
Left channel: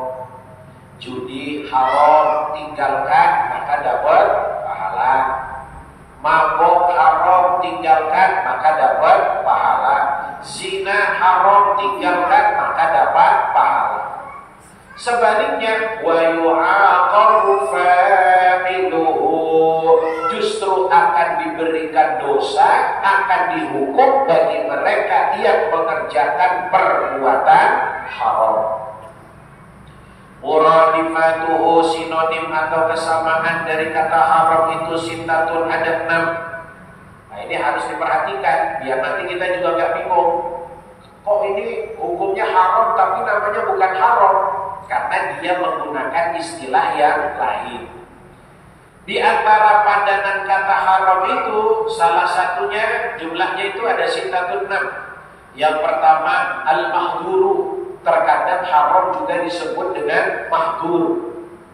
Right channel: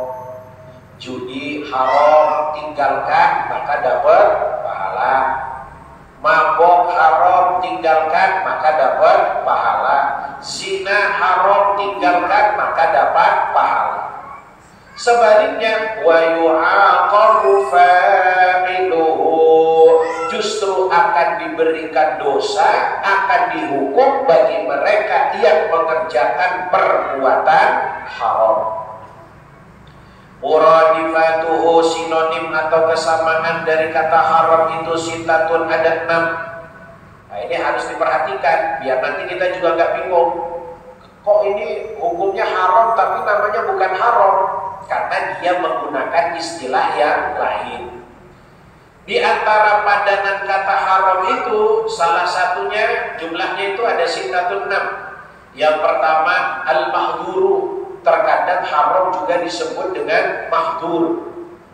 Judi haram, tinggalkan maka dapat pahala. Mabok haram, tinggalkan maka dapat pahala. Zina haram, tinggalkan maka dapat pahala. Sebaliknya, wa yu'aqabu fa'iluhu, justru akan diberikan dosa, akan dihukum bagi mereka yang mengerjakan perbuatan haram. Muradifatuhu, sinonim atau kesamaan dari kata haram itu sintatun, ada 6. Nah ini harus diperhatikan biar nanti kita juga nggak bingung. Kok ini hukumnya haram tapi namanya bukan haram? Karena dia menggunakan istilah yang lain. Di antara padanan kata haram itu salah satunya jumlahnya itu ada sintatun 6. Yang pertama al-mahdhuru. Terkadang haram juga disebut dengan mahdur,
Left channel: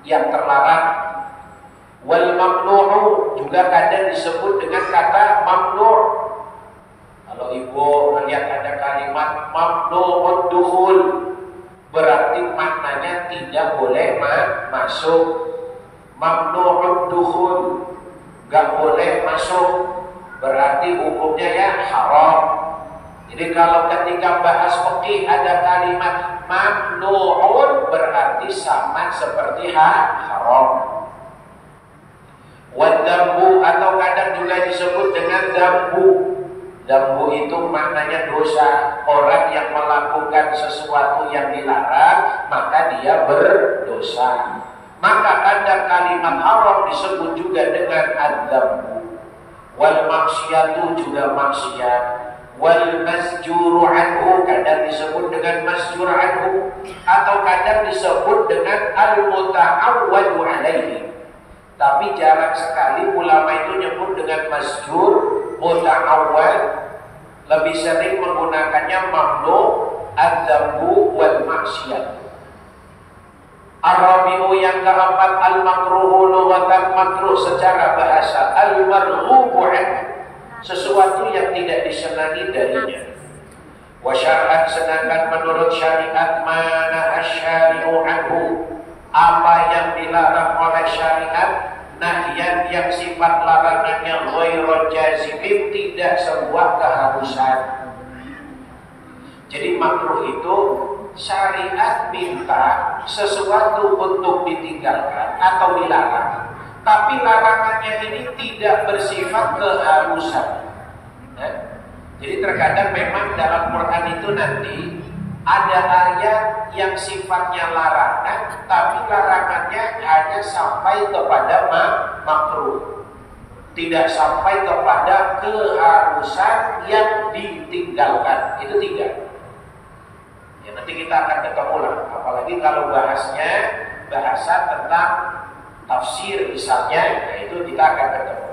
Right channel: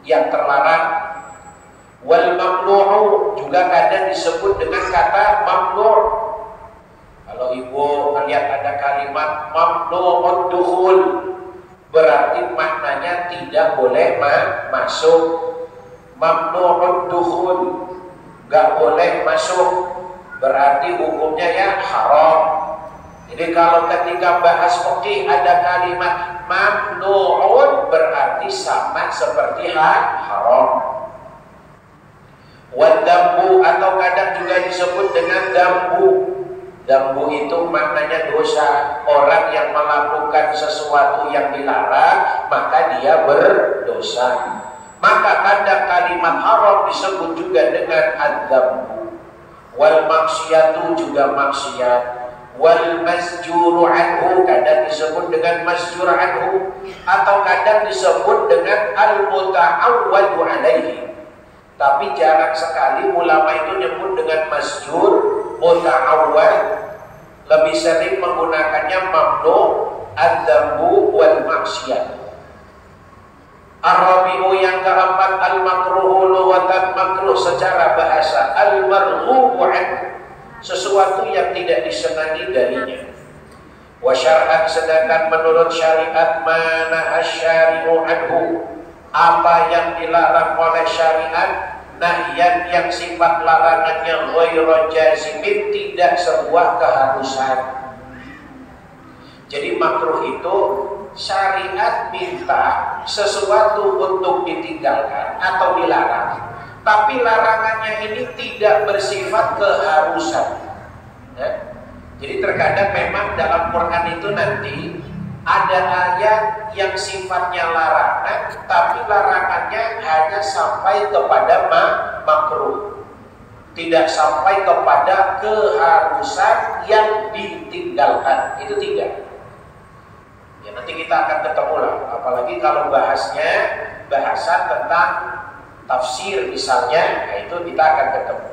yang terlarang. Wal mamnu'u juga kadang disebut dengan kata mamnu'. Kalau ibu melihat ada kalimat mamnu'ud dukhul, berarti maknanya tidak boleh masuk. Mamnu'ud dukhul, gak boleh masuk, berarti hukumnya ya haram. Jadi kalau ketika bahas fikih ada kalimat mamnu'un, berarti sama seperti haram. Wadambu, atau kadang juga disebut dengan dambu. Dambu itu maknanya dosa. Orang yang melakukan sesuatu yang dilarang maka dia berdosa. Maka kadang kalimat haram disebut juga dengan ad-dambu. Wal maksiatu juga maksiat. Wal masjuru anhu kadang disebut dengan masjur anhu atau kadang disebut dengan al-muta'awwadu alaihi. Tapi jarang sekali ulama itu nyebut dengan masjur, muta'awwad. Lebih sering menggunakannya mamnu, adzambu wal maksiyat. Arabiu yang keempat al-makruhu lughatan, makruh secara bahasa, al-marghubu anhu, sesuatu yang tidak disenangi darinya. Wa syar'an, sedangkan menurut syariat, mana asyari'u anhu, apa yang dilarang oleh syariat, nahyan yang sifat larangannya ghairu jazimin, tidak sebuah keharusan. Jadi makruh itu syariat minta sesuatu untuk ditinggalkan atau dilarang, tapi larangannya ini tidak bersifat keharusan. Ya? Jadi terkadang memang dalam Quran itu nanti ada ayat yang sifatnya larangan, tapi larangannya hanya sampai kepada makruh, tidak sampai kepada keharusan yang ditinggalkan. Itu tidak. Ya, nanti kita akan ketemu lah, apalagi kalau bahasnya bahasa tentang tafsir misalnya, ya itu kita akan ketemu.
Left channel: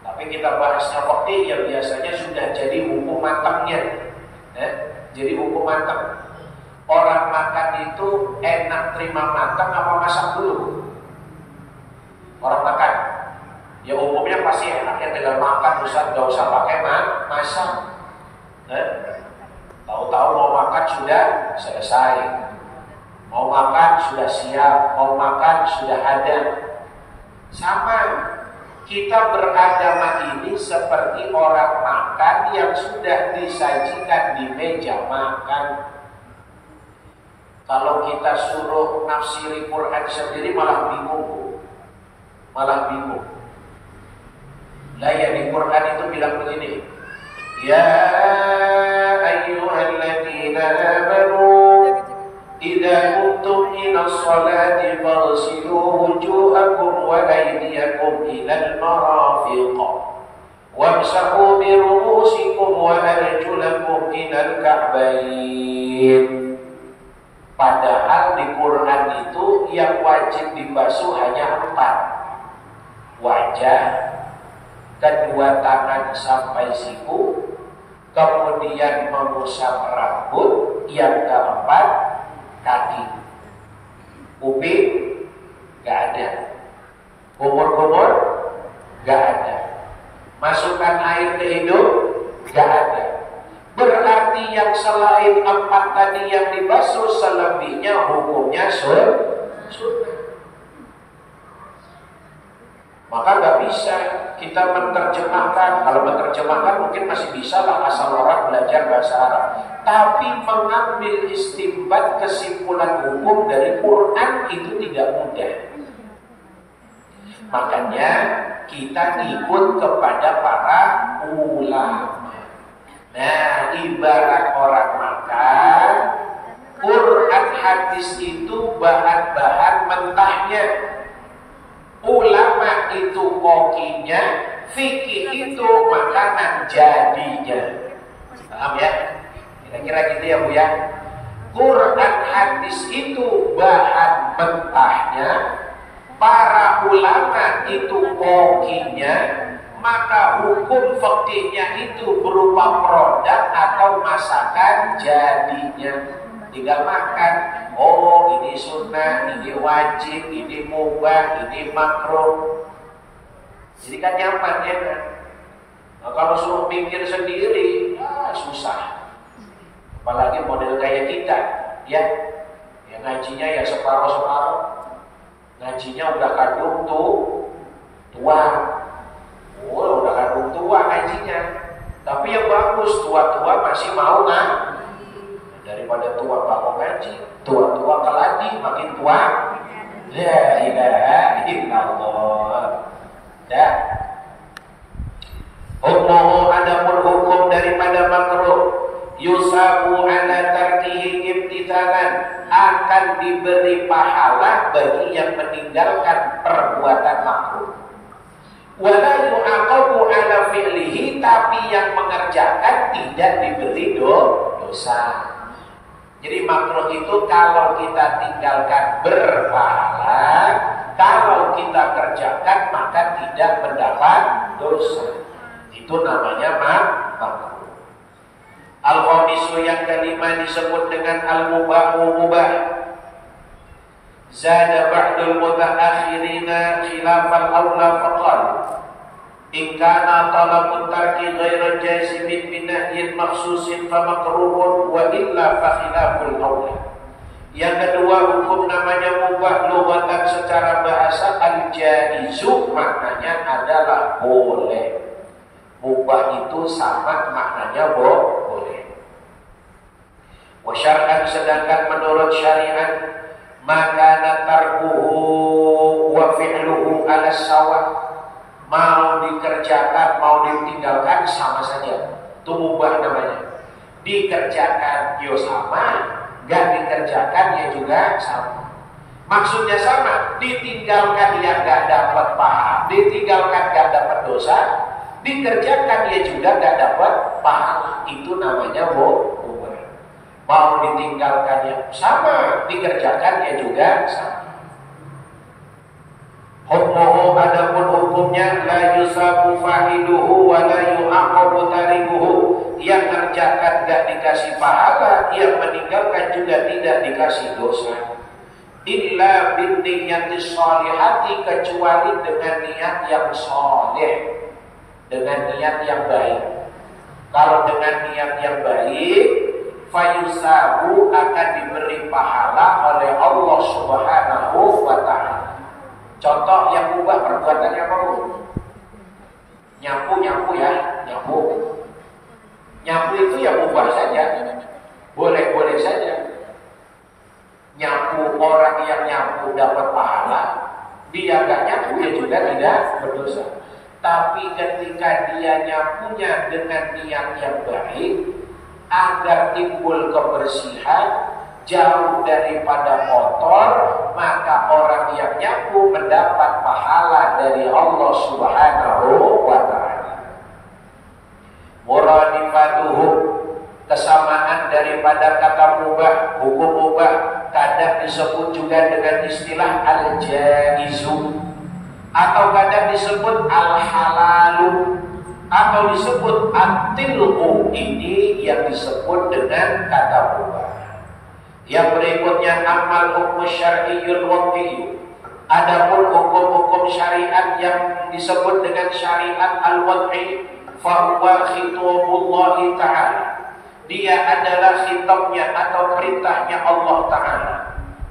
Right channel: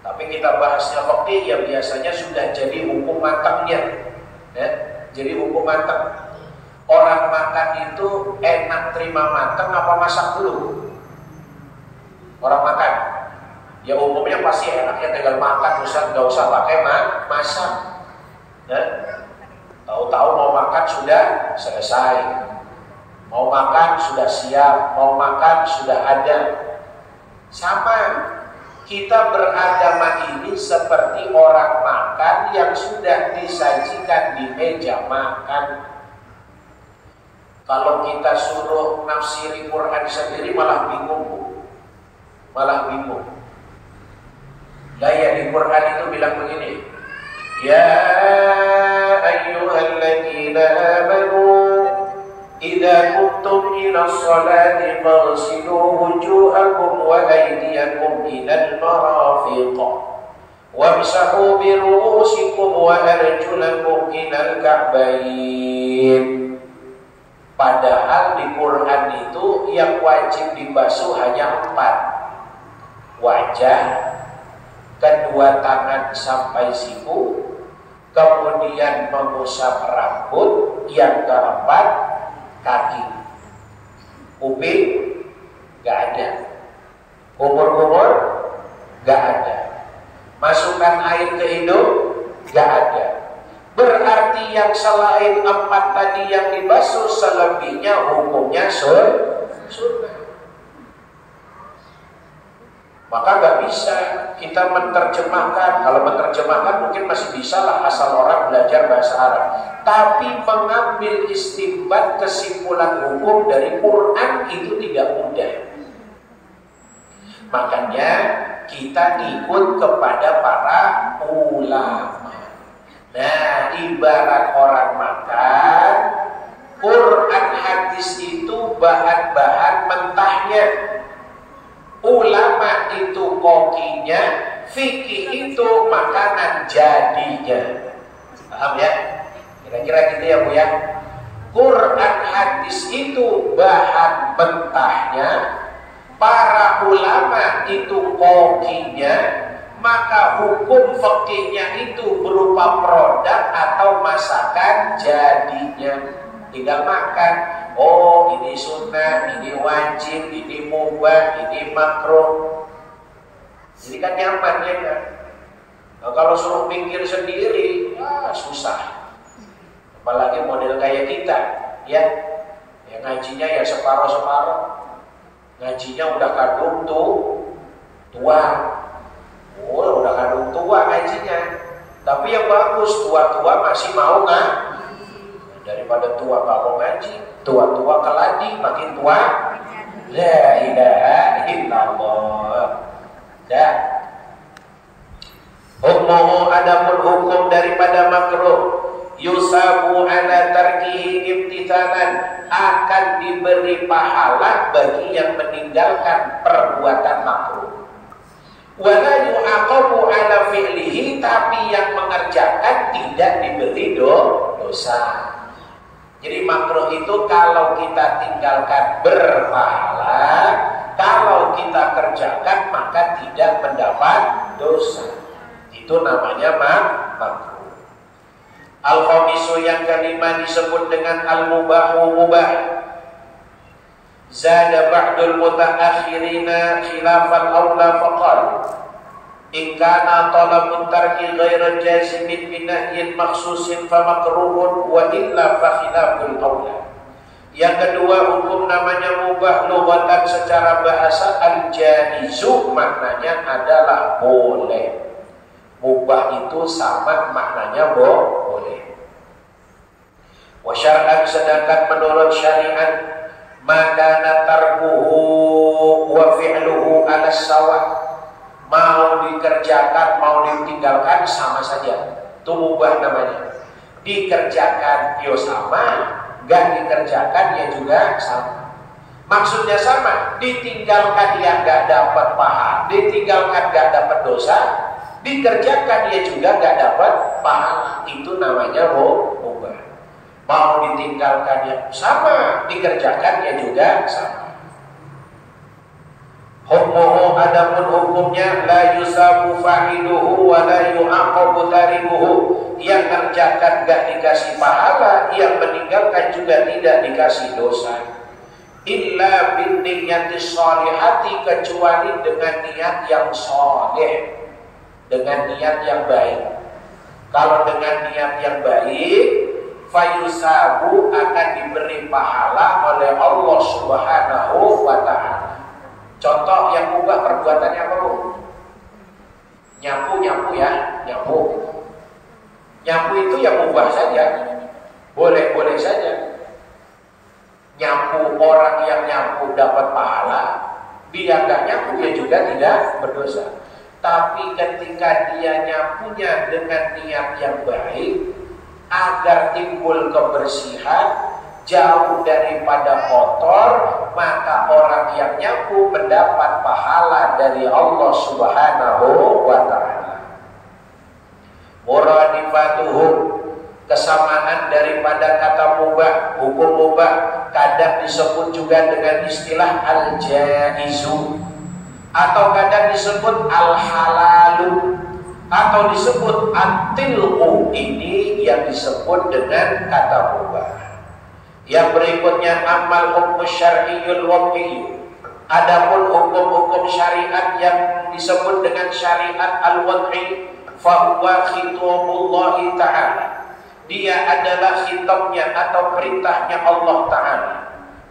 Tapi kita bahasnya fikih yang biasanya sudah jadi hukum matangnya, ya, jadi hukum matang. Orang makan itu enak terima matang apa masak dulu? Orang makan, ya umumnya pasti enaknya tinggal makan, nggak usah pakai masak. Ya. Tahu-tahu mau makan sudah selesai, mau makan sudah siap, mau makan sudah ada. Sama, kita beragama ini seperti orang makan yang sudah disajikan di meja makan. Kalau kita suruh nafsiri Quran sendiri malah bingung, Bu. Malah bingung. Lah ya di Quran itu bilang begini, ya ayyuhalladzina amanu idza kuntum ila sholati faghsilu wujuhakum wa aydiyakum ilal marafiq wamsahu bi ru'usikum wa arjulakum ilal ka'bayn. Padahal di Quran itu yang wajib dibasuh hanya 4. Wajah, kedua tangan sampai siku, kemudian mengusap rambut, yang keempat kaki. Kuping gak ada, kumur-kumur gak ada, masukkan air ke hidung gak ada. Berarti yang selain 4 tadi yang dibasuh, selebihnya hukumnya sunnah. Maka gak bisa kita menerjemahkan. Kalau menerjemahkan mungkin masih bisa lah, asal orang belajar bahasa Arab. Tapi mengambil istinbat kesimpulan hukum dari Quran itu tidak mudah. Makanya kita ikut kepada para ulama. Nah, ibarat orang makan, Quran hadis itu bahan-bahan mentahnya, ulama itu kokinya, fikih itu makanan jadinya. Paham ya? Kira-kira gitu ya Bu ya. Quran hadis itu bahan mentahnya, para ulama itu kokinya, maka hukum fikihnya itu berupa produk atau masakan jadinya. Tinggal makan. Oh, ini sunnah, ini wajib, ini mubah, ini makruh. Jadi kan nyaman ya kan. Nah, kalau suruh pikir sendiri, ya susah. Apalagi model kayak kita, ya. Ya ngajinya ya separuh-separuh. Ngajinya udah kadung tua. Oh, udah kadung tua ngajinya. Tapi yang bagus, tua-tua masih mau kan? Daripada tua gak mau ngaji, tua-tua keladi, makin tua. La ilaha illallah. Ya. Hukum adapun hukum daripada makruh, yusabu ala tarkihi ibtidalan, akan diberi pahala bagi yang meninggalkan perbuatan makruh. Wala yu'aqabu ala fi'lihi, tapi yang mengerjakan tidak diberi dosa. Jadi makruh itu kalau kita tinggalkan berpahala, kalau kita kerjakan maka tidak mendapat dosa. Itu namanya makruh. Al-khamisu yang kelima disebut dengan al-mubahu mubah. Zada ba'dul mutaakhirina khilafal awla faqal in kana talabun tarki ghairu jazimin binahyin makhsusin fa makruhun wa illa fa khilaful awla. Yang kedua, hukum namanya mubah lughatan secara bahasa al-jaizu, maknanya adalah boleh. Mubah itu sama maknanya boleh. Wa syar'an, sedangkan menurut syariat maka tarkuhu wa fi'luhu ala sawa, mau dikerjakan mau ditinggalkan sama saja, itu mubah namanya. Dikerjakan ya sama, gak dikerjakan ya juga sama. Maksudnya sama, ditinggalkan ya gak dapat pahala, ditinggalkan gak dapat dosa, dikerjakan ya juga gak dapat pahala. Itu namanya mubah. Mau ditinggalkannya sama, dikerjakannya juga sama. Hukmuhu, adapun hukumnya la yusabu fa'iluhu wa la yu'aqabu tarimuhu. Yang kerjakan gak dikasih pahala, yang meninggalkan juga tidak dikasih dosa. Illa bin niyati sholihati, kecuali dengan niat yang soleh, dengan niat yang baik. Kalau dengan niat yang baik, fayusabu, akan diberi pahala oleh Allah Subhanahu wa ta'ala. Contoh yang mubah perbuatannya apa, Bu? Nyapu ya, nyapu. Nyapu itu ya mubah saja, boleh-boleh saja. Nyapu, orang yang nyapu dapat pahala, dia gak nyapu ya juga tidak berdosa. Tapi ketika dia nyapunya dengan niat yang baik, agar timbul kebersihan, jauh daripada kotor, maka orang yang nyapu mendapat pahala dari Allah Subhanahu wa ta'ala. Muradifatuhu, kesamaan daripada kata mubah, hukum mubah kadang disebut juga dengan istilah al-jaizu, atau kadang disebut al-halalu, atau disebut at-tilqu. Ini yang disebut dengan kata mubah. Yang berikutnya amal hukum syar'iyyul wad'iyyu. Adapun hukum-hukum syariat yang disebut dengan syariat al-wad'i, fa huwa khitabullah ta'ala. Dia adalah khitabnya atau perintahnya Allah Ta'ala.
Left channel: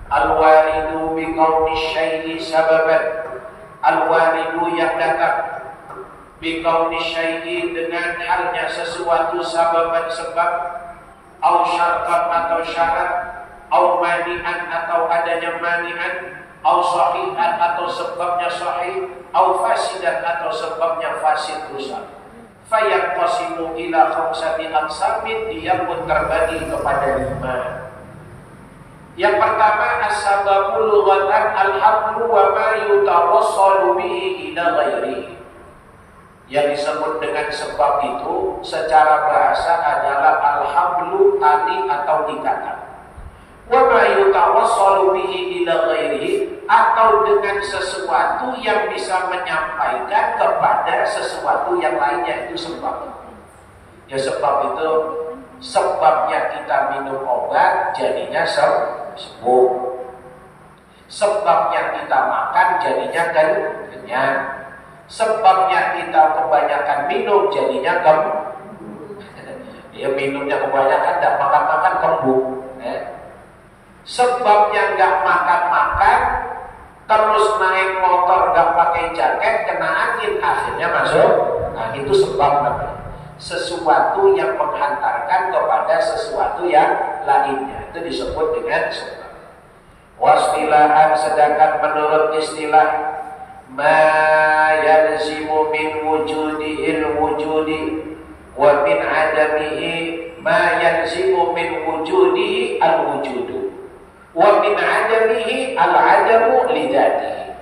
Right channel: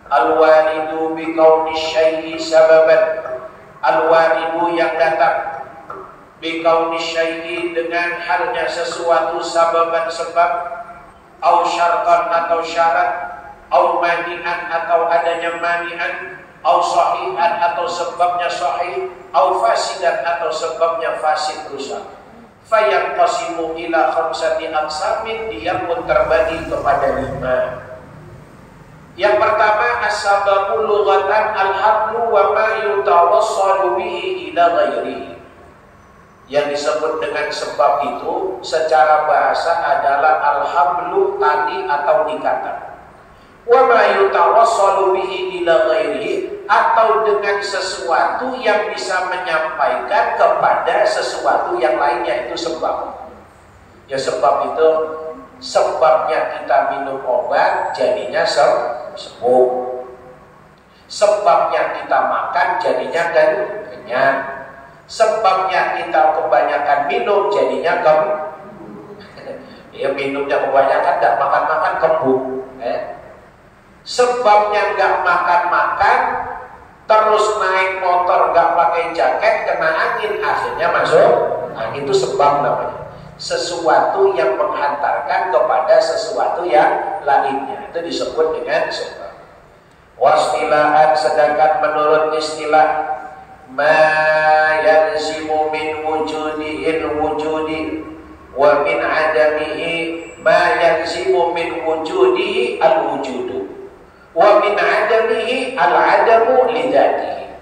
Al-walidu bi kauni syai'i sababan. Al-walidu yang datang bikauni syai'i, dengan halnya sesuatu sababan sebab, au syartan atau syarat, au mani'an atau adanya mani'an, au sahihan atau sebabnya sahih, au fasidan atau sebabnya fasid rusak. Fayaqtasimu ila khamsati aqsamin, dia pun terbagi kepada 5. Yang pertama, as-sababu lughatan al-hablu wa ma yutawassalu bihi ila ghairihi. Yang disebut dengan sebab itu secara bahasa adalah al-hablu, tali atau ikatan. Wa ma yutawassalu bihi ila ghairihi, atau dengan sesuatu yang bisa menyampaikan kepada sesuatu yang lainnya, itu sebab. Ya sebab itu, sebabnya kita minum obat jadinya sembuh. Sebabnya kita makan jadinya kenyang. Sebabnya kita kebanyakan minum jadinya ya minumnya kebanyakan, tidak makan-makan kembung. Sebabnya nggak makan-makan, terus naik motor nggak pakai jaket, kena angin, akhirnya masuk. Nah itu sebab namanya. Sesuatu yang menghantarkan kepada sesuatu yang lainnya, itu disebut dengan sebab. Wastilahan, sedangkan menurut istilah, ma yalzimu min wujudihil wujudi wa min adamihi ma yalzimu min wujudihi al-wujudu wa min adamihi al-adamu lidatihi.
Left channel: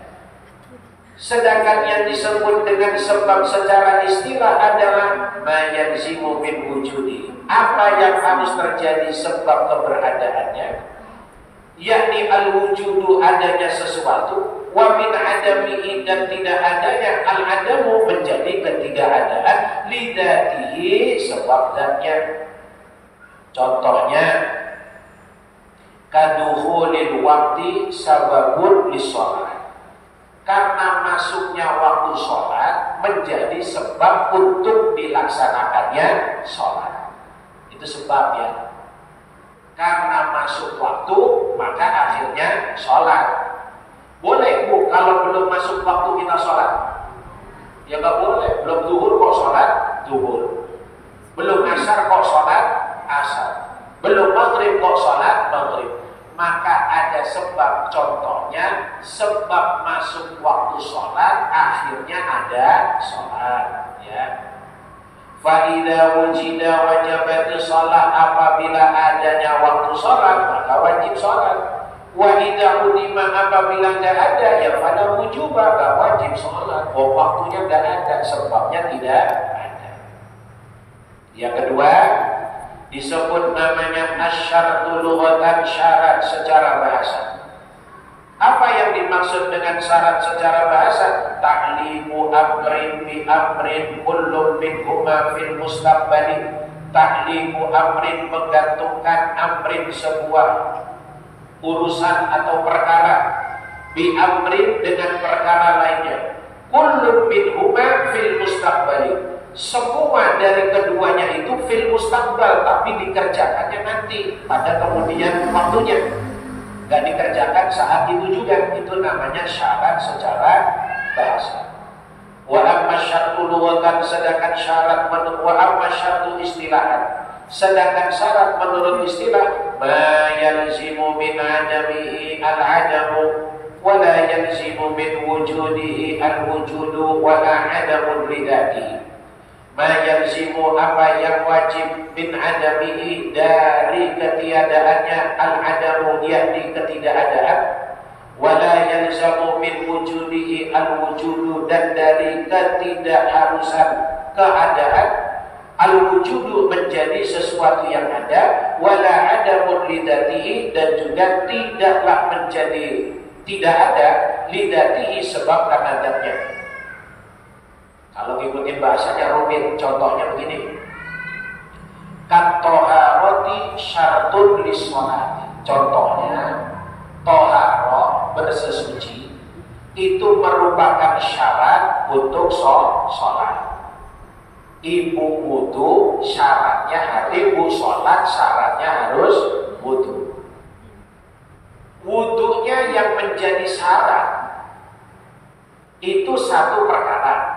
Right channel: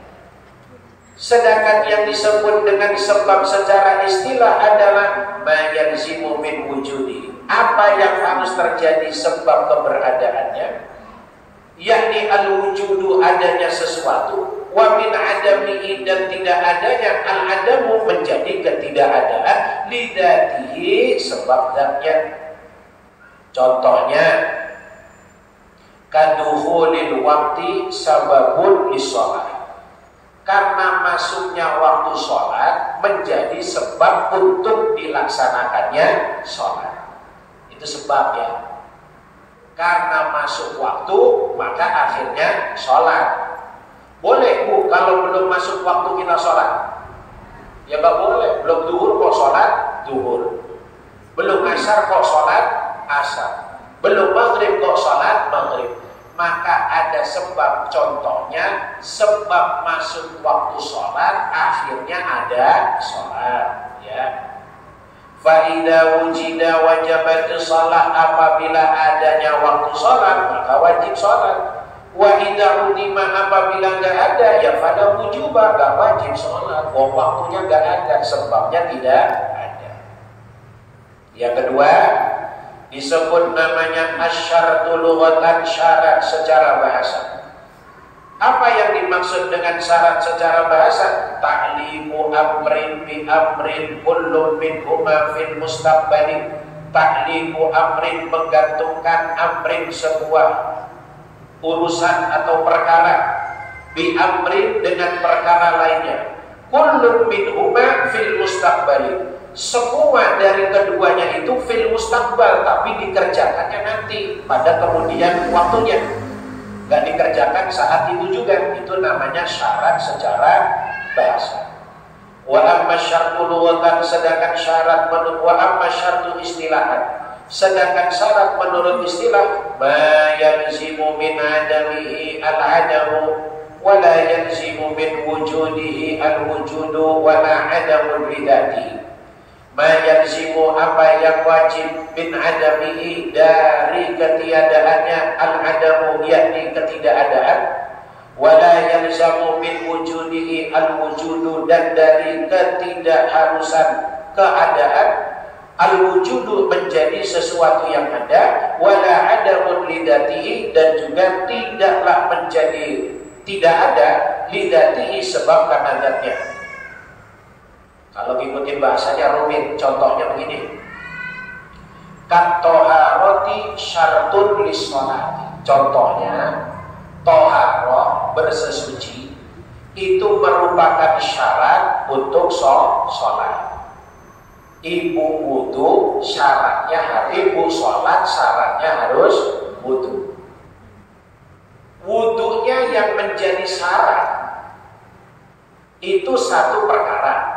Sedangkan yang disebut dengan sebab secara istilah adalah ma yalzimu min wujudi. Apa yang harus terjadi sebab keberadaannya, yakni al-wujudu adanya sesuatu, wa min adamihi dan tidak adanya al-adamu menjadi ketidakadaan lidatihi sebab zatnya. Contohnya kaduhulil wakti sababun lisholat. Karena masuknya waktu sholat menjadi sebab untuk dilaksanakannya sholat. Itu sebab ya. Karena masuk waktu maka akhirnya sholat. Boleh bu kalau belum masuk waktu kita sholat? Ya gak boleh. Belum duhur kok sholat? Duhur. Belum asar kok sholat? Asar. Belum maghrib kok sholat? Maghrib. Maka ada sebab, contohnya sebab masuk waktu sholat akhirnya ada sholat ya. Fa'idha wujida wajabati sholat, apabila adanya waktu sholat maka wajib sholat. Wa idha udima, apabila gak ada ya fala wujubah, gak wajib sholat. Waktunya gak ada, sebabnya tidak ada. Yang kedua disebut namanya asyartu lughatan, syarat secara bahasa. Apa yang dimaksud dengan syarat secara bahasa? Ta'liqu amrin bi amrin kullum minhuma fil mustaqbali. Ta'liqu amrin, menggantungkan amrin sebuah urusan atau perkara, bi amrin dengan perkara lainnya, kullum minhuma fil mustaqbali. Semua dari keduanya itu fil mustaqbal, tapi dikerjakannya nanti pada kemudian waktunya, gak dikerjakan saat itu juga. Itu namanya syarat secara bahasa. Wa amma syartu lughatan, sedangkan syarat menurut wa amma syartu istilahan, sedangkan syarat menurut istilah ma yalzimu min adamihi al-adamu wa la yalzimu min wujudihi al-wujudu wa la adamu lidatihi. Ma yalzimu, apa yang wajib, min adamihi, dari ketiadaannya, al-adamu yakni ketidakadaan, wala yalzamu min wujudihi al-wujudu, dan dari ketidakharusan keadaan, al-wujudu menjadi sesuatu yang ada, wala adamun lidatihi, dan juga tidaklah menjadi tidak ada lidatihi sebab karena zatnya. Kalau ngikutin bahasanya rumit, contohnya begini. Katoharoti syartun lissolati. Contohnya, toharoh, bersesuci, itu merupakan syarat untuk sholat. Ibu wudu syaratnya, ibu sholat syaratnya harus wudu. Wudunya yang menjadi syarat itu satu perkara.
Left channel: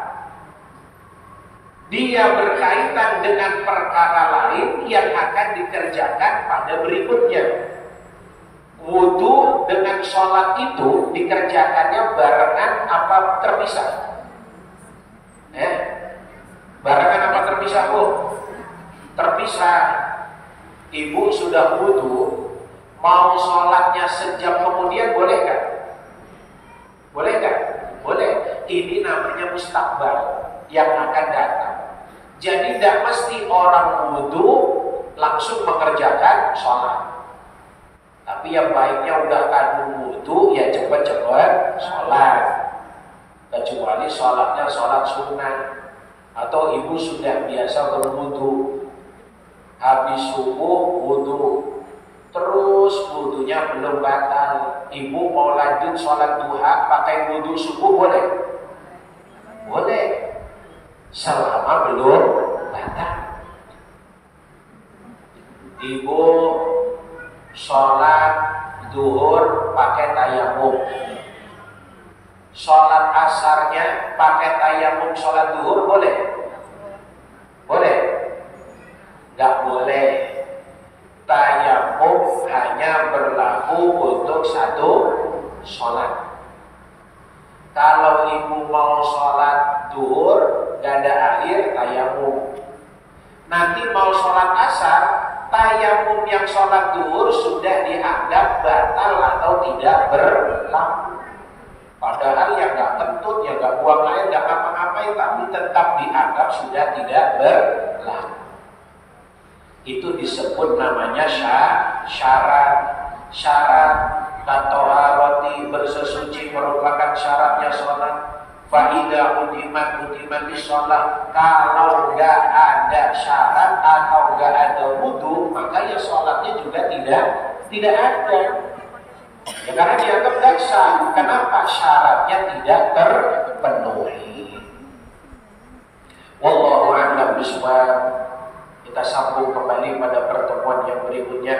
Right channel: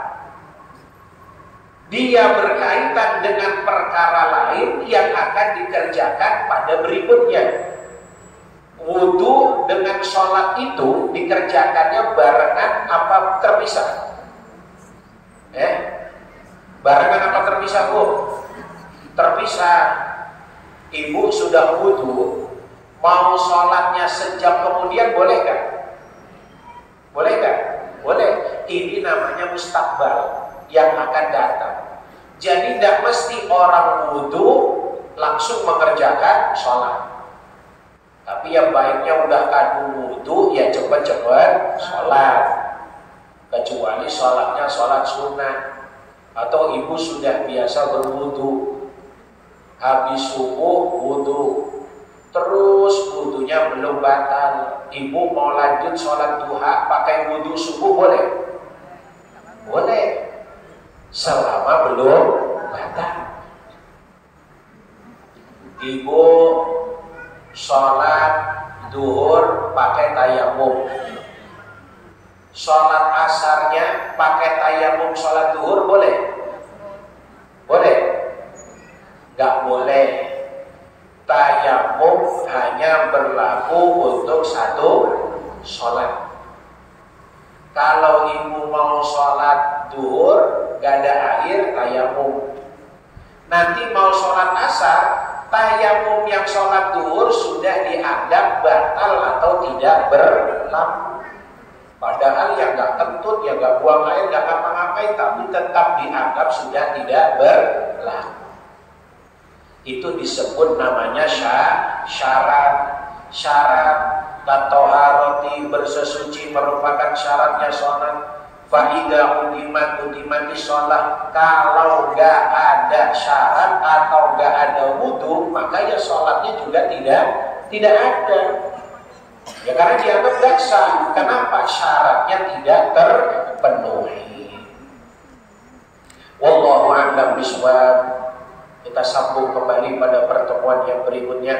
Dia berkaitan dengan perkara lain yang akan dikerjakan pada berikutnya. Wudu dengan sholat itu dikerjakannya barengan apa terpisah? Barengan apa terpisah, Bu? Terpisah. Ibu sudah wudu, mau sholatnya sejam kemudian boleh gak? Boleh gak? Boleh. Ini namanya mustaqbal, yang akan datang. Jadi tidak mesti orang wudu langsung mengerjakan sholat. Tapi yang baiknya udah kadung wudu ya cepat-cepat sholat. Kecuali sholatnya sholat sunnah, atau ibu sudah biasa berwudu, habis subuh wudu, terus wudunya belum batal, ibu mau lanjut sholat duha pakai wudu subuh boleh? Boleh, selama belum batal. Ibu sholat duhur pakai tayamum, sholat asarnya pakai tayamum sholat duhur boleh? Boleh? Gak boleh. Tayamum hanya berlaku untuk satu sholat. Kalau ibu mau sholat duhur gak ada air, tayamum. Nanti mau sholat asar, tayamum yang sholat duhur sudah dianggap batal atau tidak berlaku. Padahal yang nggak kentut, yang nggak buang air, nggak ngapa-ngapain, tapi tetap dianggap sudah tidak berlaku. Itu disebut namanya syarat. Syarat batoharoti, bersesuci merupakan syaratnya sholat. Fa'idha udimat di sholat. Kalau nggak ada syarat atau nggak ada wudhu, maka ya sholatnya juga tidak ada. Ya karena dianggap gak sah. Kenapa? Syaratnya tidak terpenuhi. Wallahu a'lam bishawab. Kita sambung kembali pada pertemuan yang berikutnya.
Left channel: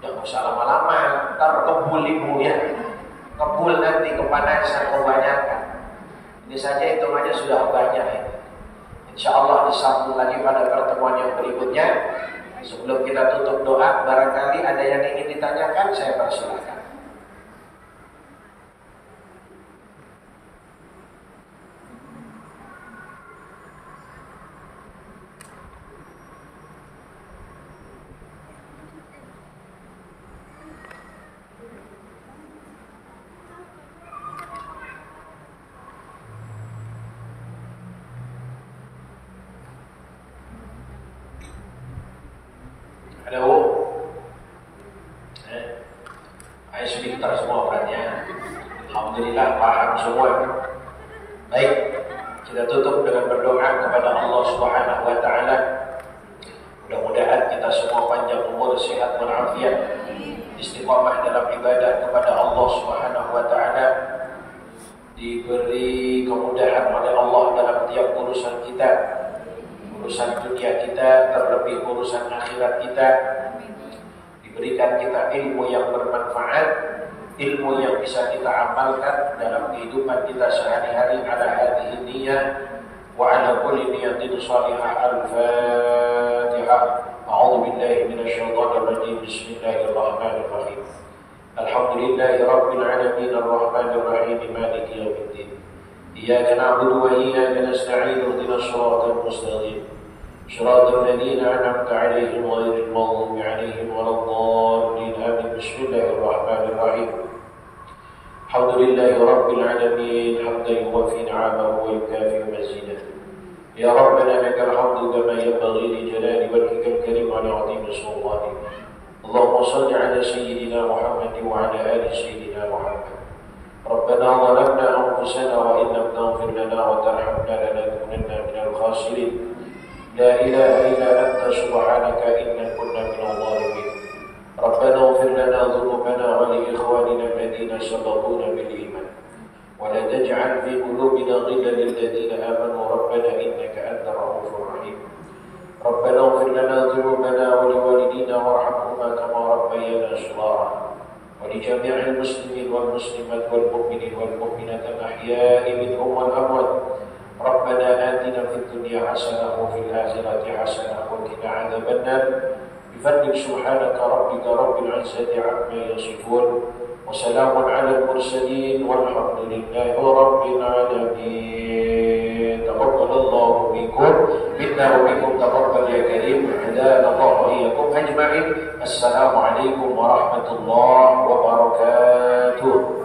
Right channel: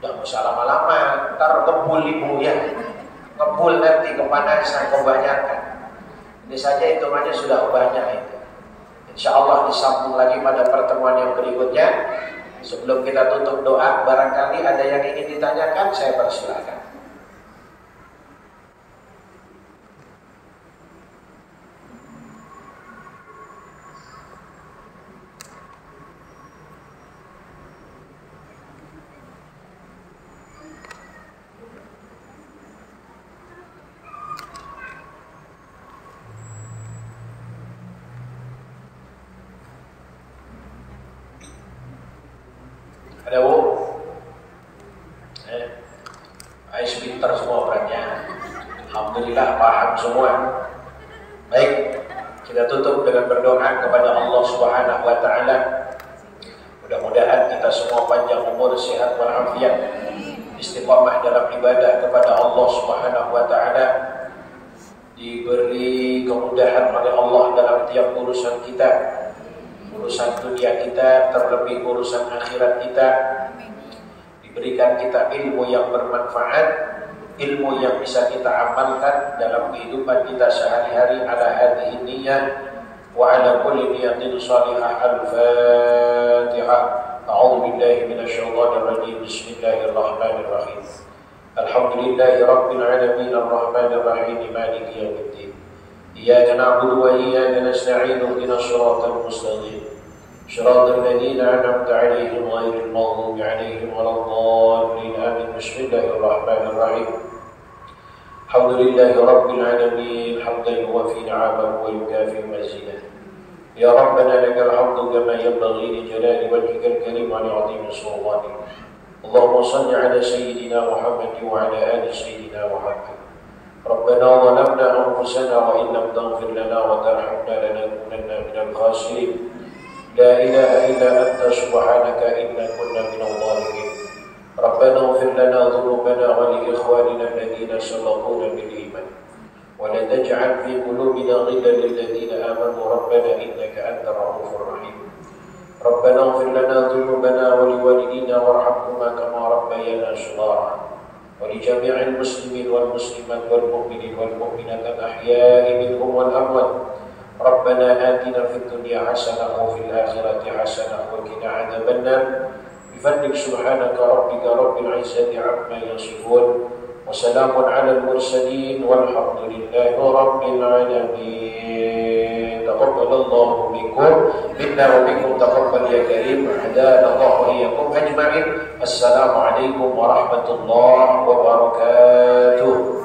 Jangan usah lama-lama, ntar ngebul ibu ya. Ngebul nanti kepanasan kebanyakan. Ini saja hitungannya sudah banyak ini. Insya Allah disambung lagi pada pertemuan yang berikutnya. Sebelum kita tutup doa, barangkali ada yang ingin ditanyakan, saya persilakan. Ada bu? Ais pintar semua orangnya. Alhamdulillah paham semua. Baik, kita tutup dengan berdoa kepada Allah Subhanahu wa taala. Mudah-mudahan kita semua panjang umur, sehat walafiat, istiqamah dalam ibadah kepada Allah Subhanahu wa taala. Diberi kemudahan oleh Allah dalam tiap urusan kita. Urusan dunia kita, terlebih urusan akhirat kita. Diberikan kita ilmu yang bermanfaat, ilmu yang bisa kita amalkan dalam kehidupan kita sehari-hari. Ala hadhihi niyyah wa ala kulli niyatin salihah. Al-Fatihah. A'udzu billahi minasyaitonir rajim. Bismillahirrahmanirrahim. Alhamdulillahi rabbil alamin arrahmanir rahim maliki yaumiddin. إياك نعبد وإياك نستعين اهدنا الصراط المستقيم صراط الذين أنعمت عليهم غير المغضوب عليهم ولا الضالين آمين. بسم الله الرحمن الرحيم. الحمد لله رب العالمين حمدا يوافي نعمه ويكافئ مزيده. يا ربنا لك الحمد كما ينبغي لجلال وجهك الكريم ولعظيم سلطانك. اللهم صل على سيدنا محمد وعلى آل سيدنا محمد. ربنا ظلمنا أنفسنا وإن لم تغفر لنا وترحمنا لنكونن من الخاسرين. لا إله إلا أنت سبحانك إنا كنا من الظالمين. ربنا اغفر لنا ذنوبنا ولإخواننا الذين سبقونا بالإيمان ولا تجعل في قلوبنا غلا للذين آمنوا ربنا إنك أنت الرؤوف الرحيم. ربنا اغفر لنا ذنوبنا ولوالدينا وارحمهما كما ربيانا صغارا ولجميع المسلمين والمسلمات والمؤمنين والمؤمنات الأحياء منهم والأموات. ربنا آتنا في الدنيا حسنة وفي الآخرة حسنة وقنا عذاب النار. بفضلك سبحانك ربك رب العزة عما يصفون وسلام على المرسلين والحمد لله رب العالمين. تقبل الله منكم منا ومنكم تقبل يا كريم. هدانا الله وإياكم أجمعين. السلام عليكم ورحمة الله وبركاته.